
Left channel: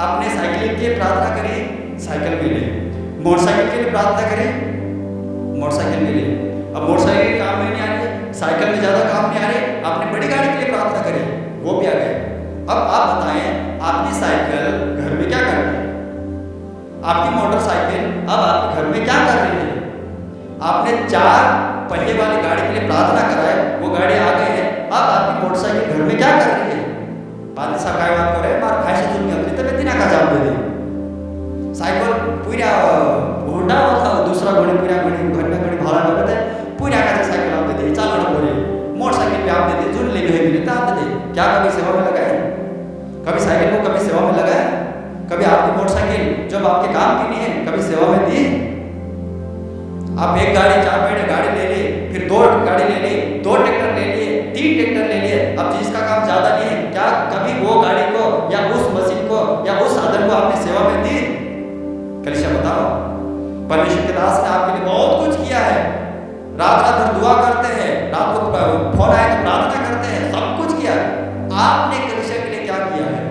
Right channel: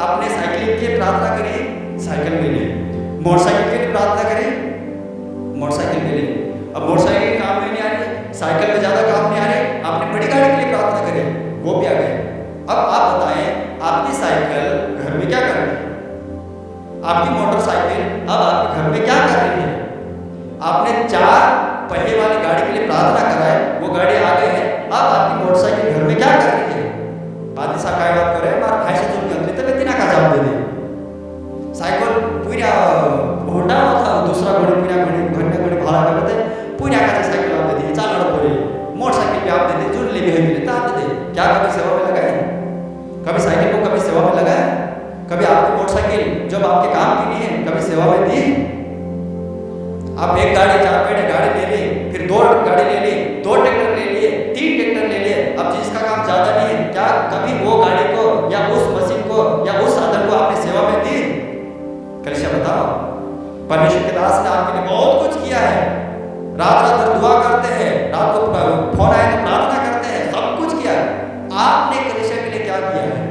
आपने साइकिलिंग के लिए प्रार्थना करी, साइकिल मिले, मोटरसाइकिल के लिए प्रार्थना करें, मोटरसाइकिल मिले। अब मोटरसाइकिल काम में नहीं आ रही, साइकिल में ज़्यादा काम नहीं आ रहे, आपने बड़ी गाड़ी के लिए प्रार्थना करी, वो भी आ गए। अब आप बताएं, आपकी साइकिल घर में क्या कर रही है? आपकी मोटरसाइकिल अब आपके घर में क्या कर रही है? आपने 4 पहिए वाली गाड़ी के लिए प्रार्थना कराए, वो गाड़ी आ गए हैं, अब आपकी मोटरसाइकिल घर में क्या कर रही है? पादरी साहब काय बात करे, मार खाई से दुनिया उतनी तब इतना का जवाब दे दे। साइकिल पूरा घोड़ा था, दूसरा घोड़े पूरा घड़ी भाड़ा कर थे, पूरा का साइकिल आप दे दिए, चाल बोले मोटरसाइकिल भी आप दे दे, जुड़ ले भी मिले तो आप दे दे। क्या कभी सेवा में लगाए? कभी साइकिल को कभी सेवा में लगाए? कभी आपकी मोटरसाइकिल जब आपके काम की नहीं है, कभी सेवा में दी? आप एक गाड़ी 4 पहिए गाड़ी ले ली, फिर 2 गाड़ी ले ली, 2 ट्रैक्टर ले लिए, 3 ट्रैक्टर ले लिए, अब जिसका काम ज़्यादा नहीं है, क्या कभी वो गाड़ी को या उस मशीन को या उस साधन को आपने सेवा में दी? कलीसिया बताओ, परमेश्वर के दास ने आपके लिए बहुत कुछ किया है। रात रात भर दुआ करते हैं, रात को फोन आए तो प्रार्थना करते हैं, सब कुछ किया। आपने कलीसिया के लिए क्या किया है?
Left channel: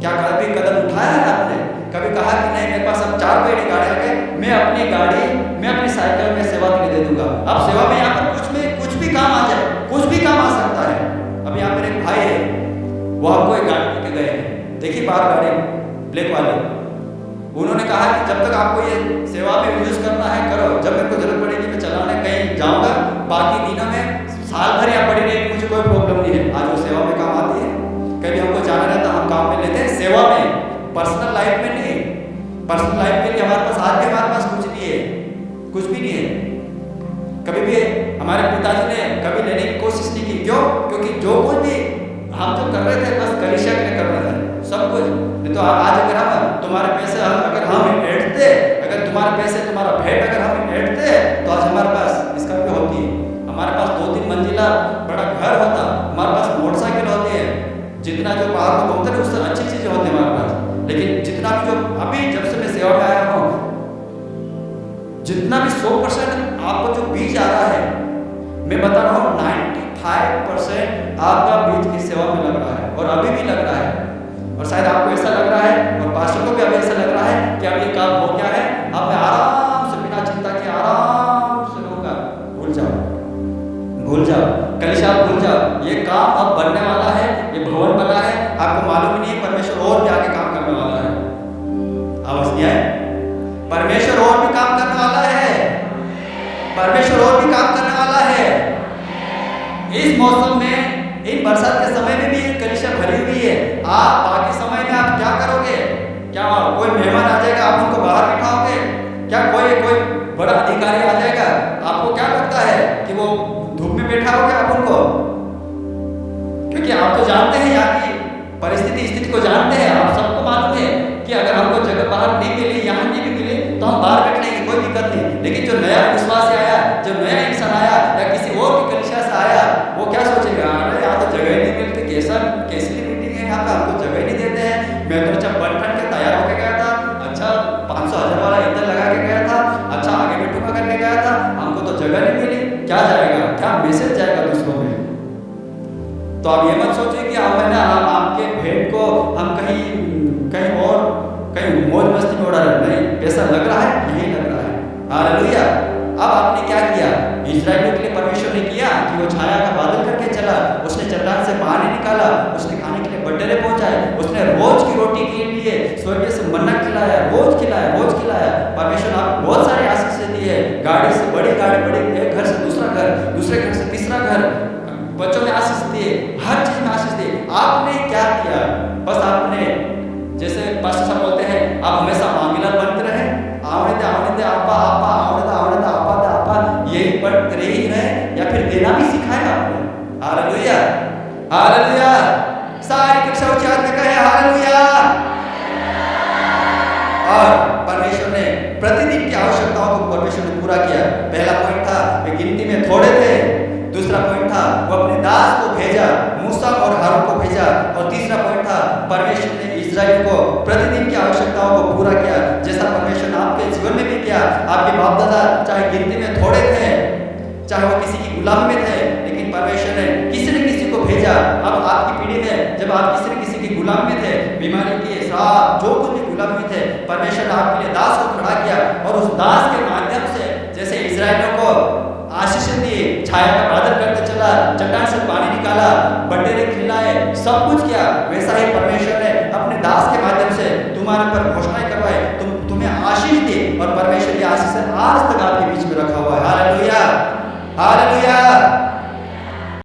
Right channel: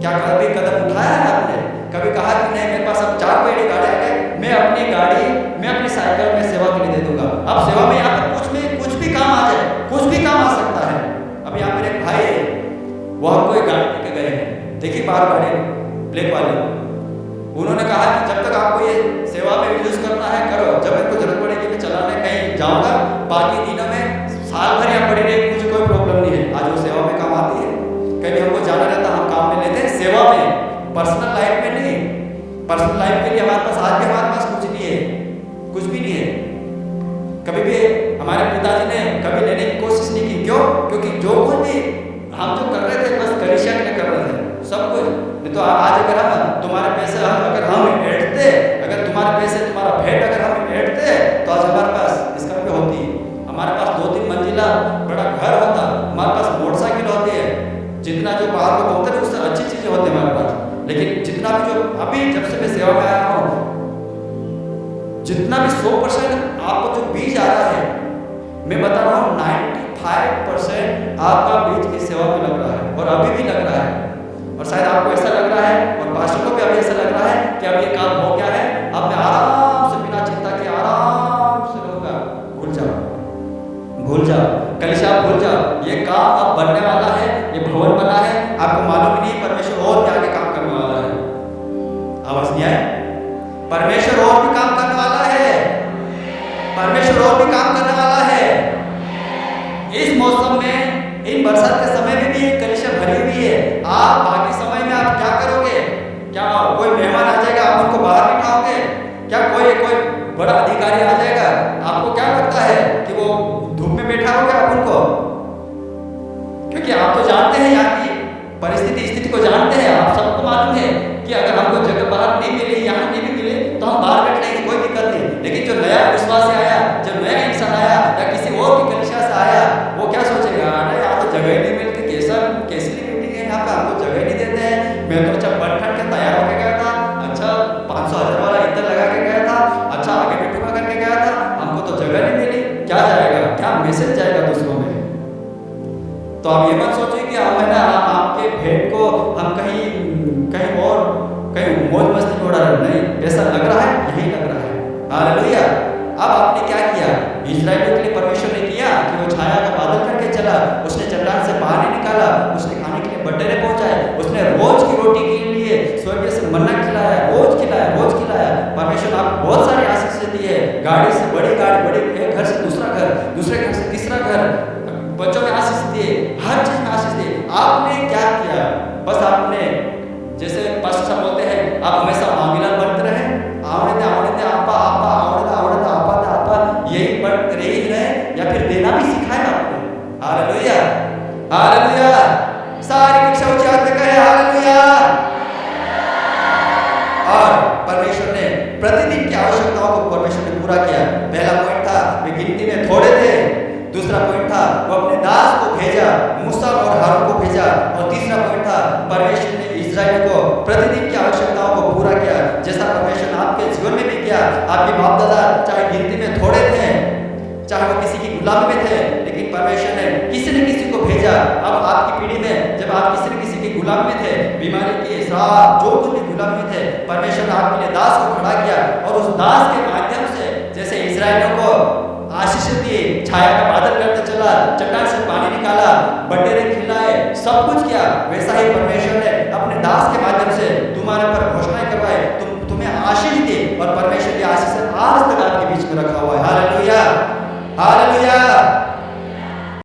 क्या कभी कदम उठाया है आपने? कभी कहा कि नहीं मेरे पास अब 4 पहिए गाड़ी आ गए, मैं अपनी गाड़ी, मैं अपनी साइकिल में सेवा के लिए दे दूंगा। अब सेवा में यहाँ पर कुछ भी काम आ जाए, कुछ भी काम आ सकता है। अब यहाँ पर एक भाई है, वो हमको एक गाड़ी लेके गए हैं, देखिए बार गाड़ी ब्लैक वाले। उन्होंने कहा कि जब तक आपको ये सेवा में यूज़ करना है करो, जब मेरे को जरूरत पड़ेगी मैं चलाने कहीं जाऊंगा, बाकी दिनों में साल भर यहाँ पड़ी रहेगी, मुझे कोई प्रॉब्लम नहीं है। आज वो सेवा में काम आती है। कभी हमको जाना रहता हम काम में लेते हैं, सेवा में, पर्सनल लाइफ में नहीं। पर्सनल लाइफ के लिए हमारे पास आज भी हमारे पास कुछ नहीं है, कुछ भी नहीं है। कभी भी हमारे पिताजी ने कभी लेने की कोशिश नहीं की। क्यों? क्योंकि जो कुछ भी हम जो कर रहे थे बस कलीसिया के लिए कर रहे थे सब कुछ। नहीं तो आज अगर हम तुम्हारे पैसे अगर हम ऐंठते, अगर तुम्हारे पैसे तुम्हारा भेंट अगर हम ऐंठते तो आज हमारे पास स्कॉर्पियो होती, हमारे पास 2-3 मंजिला बड़ा घर होता, हमारे पास मोटरसाइकिल होती है, जितना जो बाहर को घूमते हैं उससे अच्छी चीज़ें होती है हमारे पास। लेकिन जितना भी जो अभी जब से मैं सेवा में आया हूँ, जितना भी 100% आपको जो बीज आ रहा है, मैं बता रहा हूँ 95% आपका बीज इस सेवा में लग रहा है और अभी भी लग रहा है। और शायद आपको ऐसा लग रहा है और पास्टर को भी अभी ऐसा लग रहा है कि अब ये काम हो गया है, अब मैं आराम से बिना चिंता के आराम से रहूँगा। भूल जाओ, भूल जाओ, कलीसिया आप भूल जाओ। ये काम अब बनने वाला है, ये भवन बना है, आपको मालूम ही नहीं है परमेश्वर और भी आगे काम करने वाला है। आवाज नहीं आए? परमेश्वर और भी काम करने वाला है, परमेश्वर और भी काम करने वाला है। इस मौसम में, इन बरसात के समय में भी ये कलीसिया भरी हुई है। आप बाकी समय में आप क्या करोगे? क्या कोई मेहमान आ जाएगा आप उनको बाहर बिठाओगे? क्या कोई बड़ा अधिकारी आ जाएगा, आपको क्या लगता है कि वो धूप में बैठा होगा आप उनको? क्योंकि आप तो जानते हैं यहाँ की परिस्थिति, स्थिति को जानते हैं। आप सबको मालूम है कि अगर हमको जगह बाहर नहीं मिली, यहाँ नहीं भी मिले तो हम बाहर बैठ लेंगे, कोई दिक्कत नहीं। लेकिन जो नया विश्वासी आया, जो नया इंसान आया या किसी और की कलीसिया से आया, वो क्या सोचेगा? अरे यहाँ तो जगह ही नहीं मिलती, कैसी मीटिंग है यहाँ पे, हमको जगह ही नहीं देते हैं। मैं तो अच्छा बन ठन के तैयार होकर गया था, अच्छा 500-1000 वाला ईंधन लगा के गया था, अच्छा आगे बैठूंगा करके गया था, हमको तो जगह नहीं मिली। क्या जाएगा, क्या मैसेज जाएगा दूसरों में? तो आप ये मत सोचिए कि हम आपके भेंट को हम कहीं और कहीं मौज मस्ती में उड़ा रहे। नहीं, पैसा लग रहा है, यही लग रहा है। हालेलुया। अब आपने क्या किया? इस्राएलियों के लिए परमेश्वर ने किया कि वो छाया का बादल करके चला, उसने चट्टान से पानी निकाला, उसने खाने के लिए बटेरे पहुंचाए, उसने रोज की रोटी के लिए स्वर्ग से मन्ना खिलाया, रोज खिलाया। परमेश्वर ने आपको बहुत सारी आशीष दी है, गाड़ी से बड़ी गाड़ी, बड़े एक घर से दूसरा घर, दूसरे घर से तीसरा घर, बच्चों में आशीष दिए, हर चीज में आशीष दिए। आपने क्या किया? बस आपने, जैसे पास्टर साहब बोलते हैं, आप हमेशा मांगीलाल बनते रहे, आवड़े दे आपा आवड़े दे आपा, यही बनते ही रहे, या फिर देना भी सिखाया आपने। Hallelujah, hallelujah. सारी कक्षा ऊंची हाथ में कहे हालेलुया। और परमेश्वर ने प्रतिदिन की आवश्यकताओं को परमेश्वर ने पूरा किया। पहला पॉइंट था वे गिनती में थोड़े थे, दूसरा पॉइंट था वो अपने दास को भेजा, मूसा और हारून को भेजा, और तीसरा पॉइंट था परमेश्वर ने इस्राएलियों को प्रतिदिन की आवश्यकताओं को पूरा किया, जैसा परमेश्वर ने आपके जीवन में भी किया। आपके बाप दादा चाहे गिनती में थोड़े थे, चाहे वो किसी की गुलामी में थे, लेकिन परमेश्वर ने किसी न किसी को भेजा। अब आपकी पीढ़ी में जब आप किसी न किसी की गुलामी में थे, बीमारी के श्राप जो कुछ भी गुलामी में थे, परमेश्वर ने आपके लिए दास को खड़ा किया, और उस दास के माध्यम से जैसे इस्राएलियों को आशीष दी, छाया का बादल करते चला, चट्टान से पानी निकाला, बटेरे खिलाए, सब कुछ किया, वैसा ही परमेश्वर ने अपने दास के माध्यम से तुम्हारे पर घोषणाएं करवाए, तुम्हें आशीष दी, और परमेश्वर की आशीष आज तक आपके बीच में रखा हुआ है। Hallelujah, hallelujah.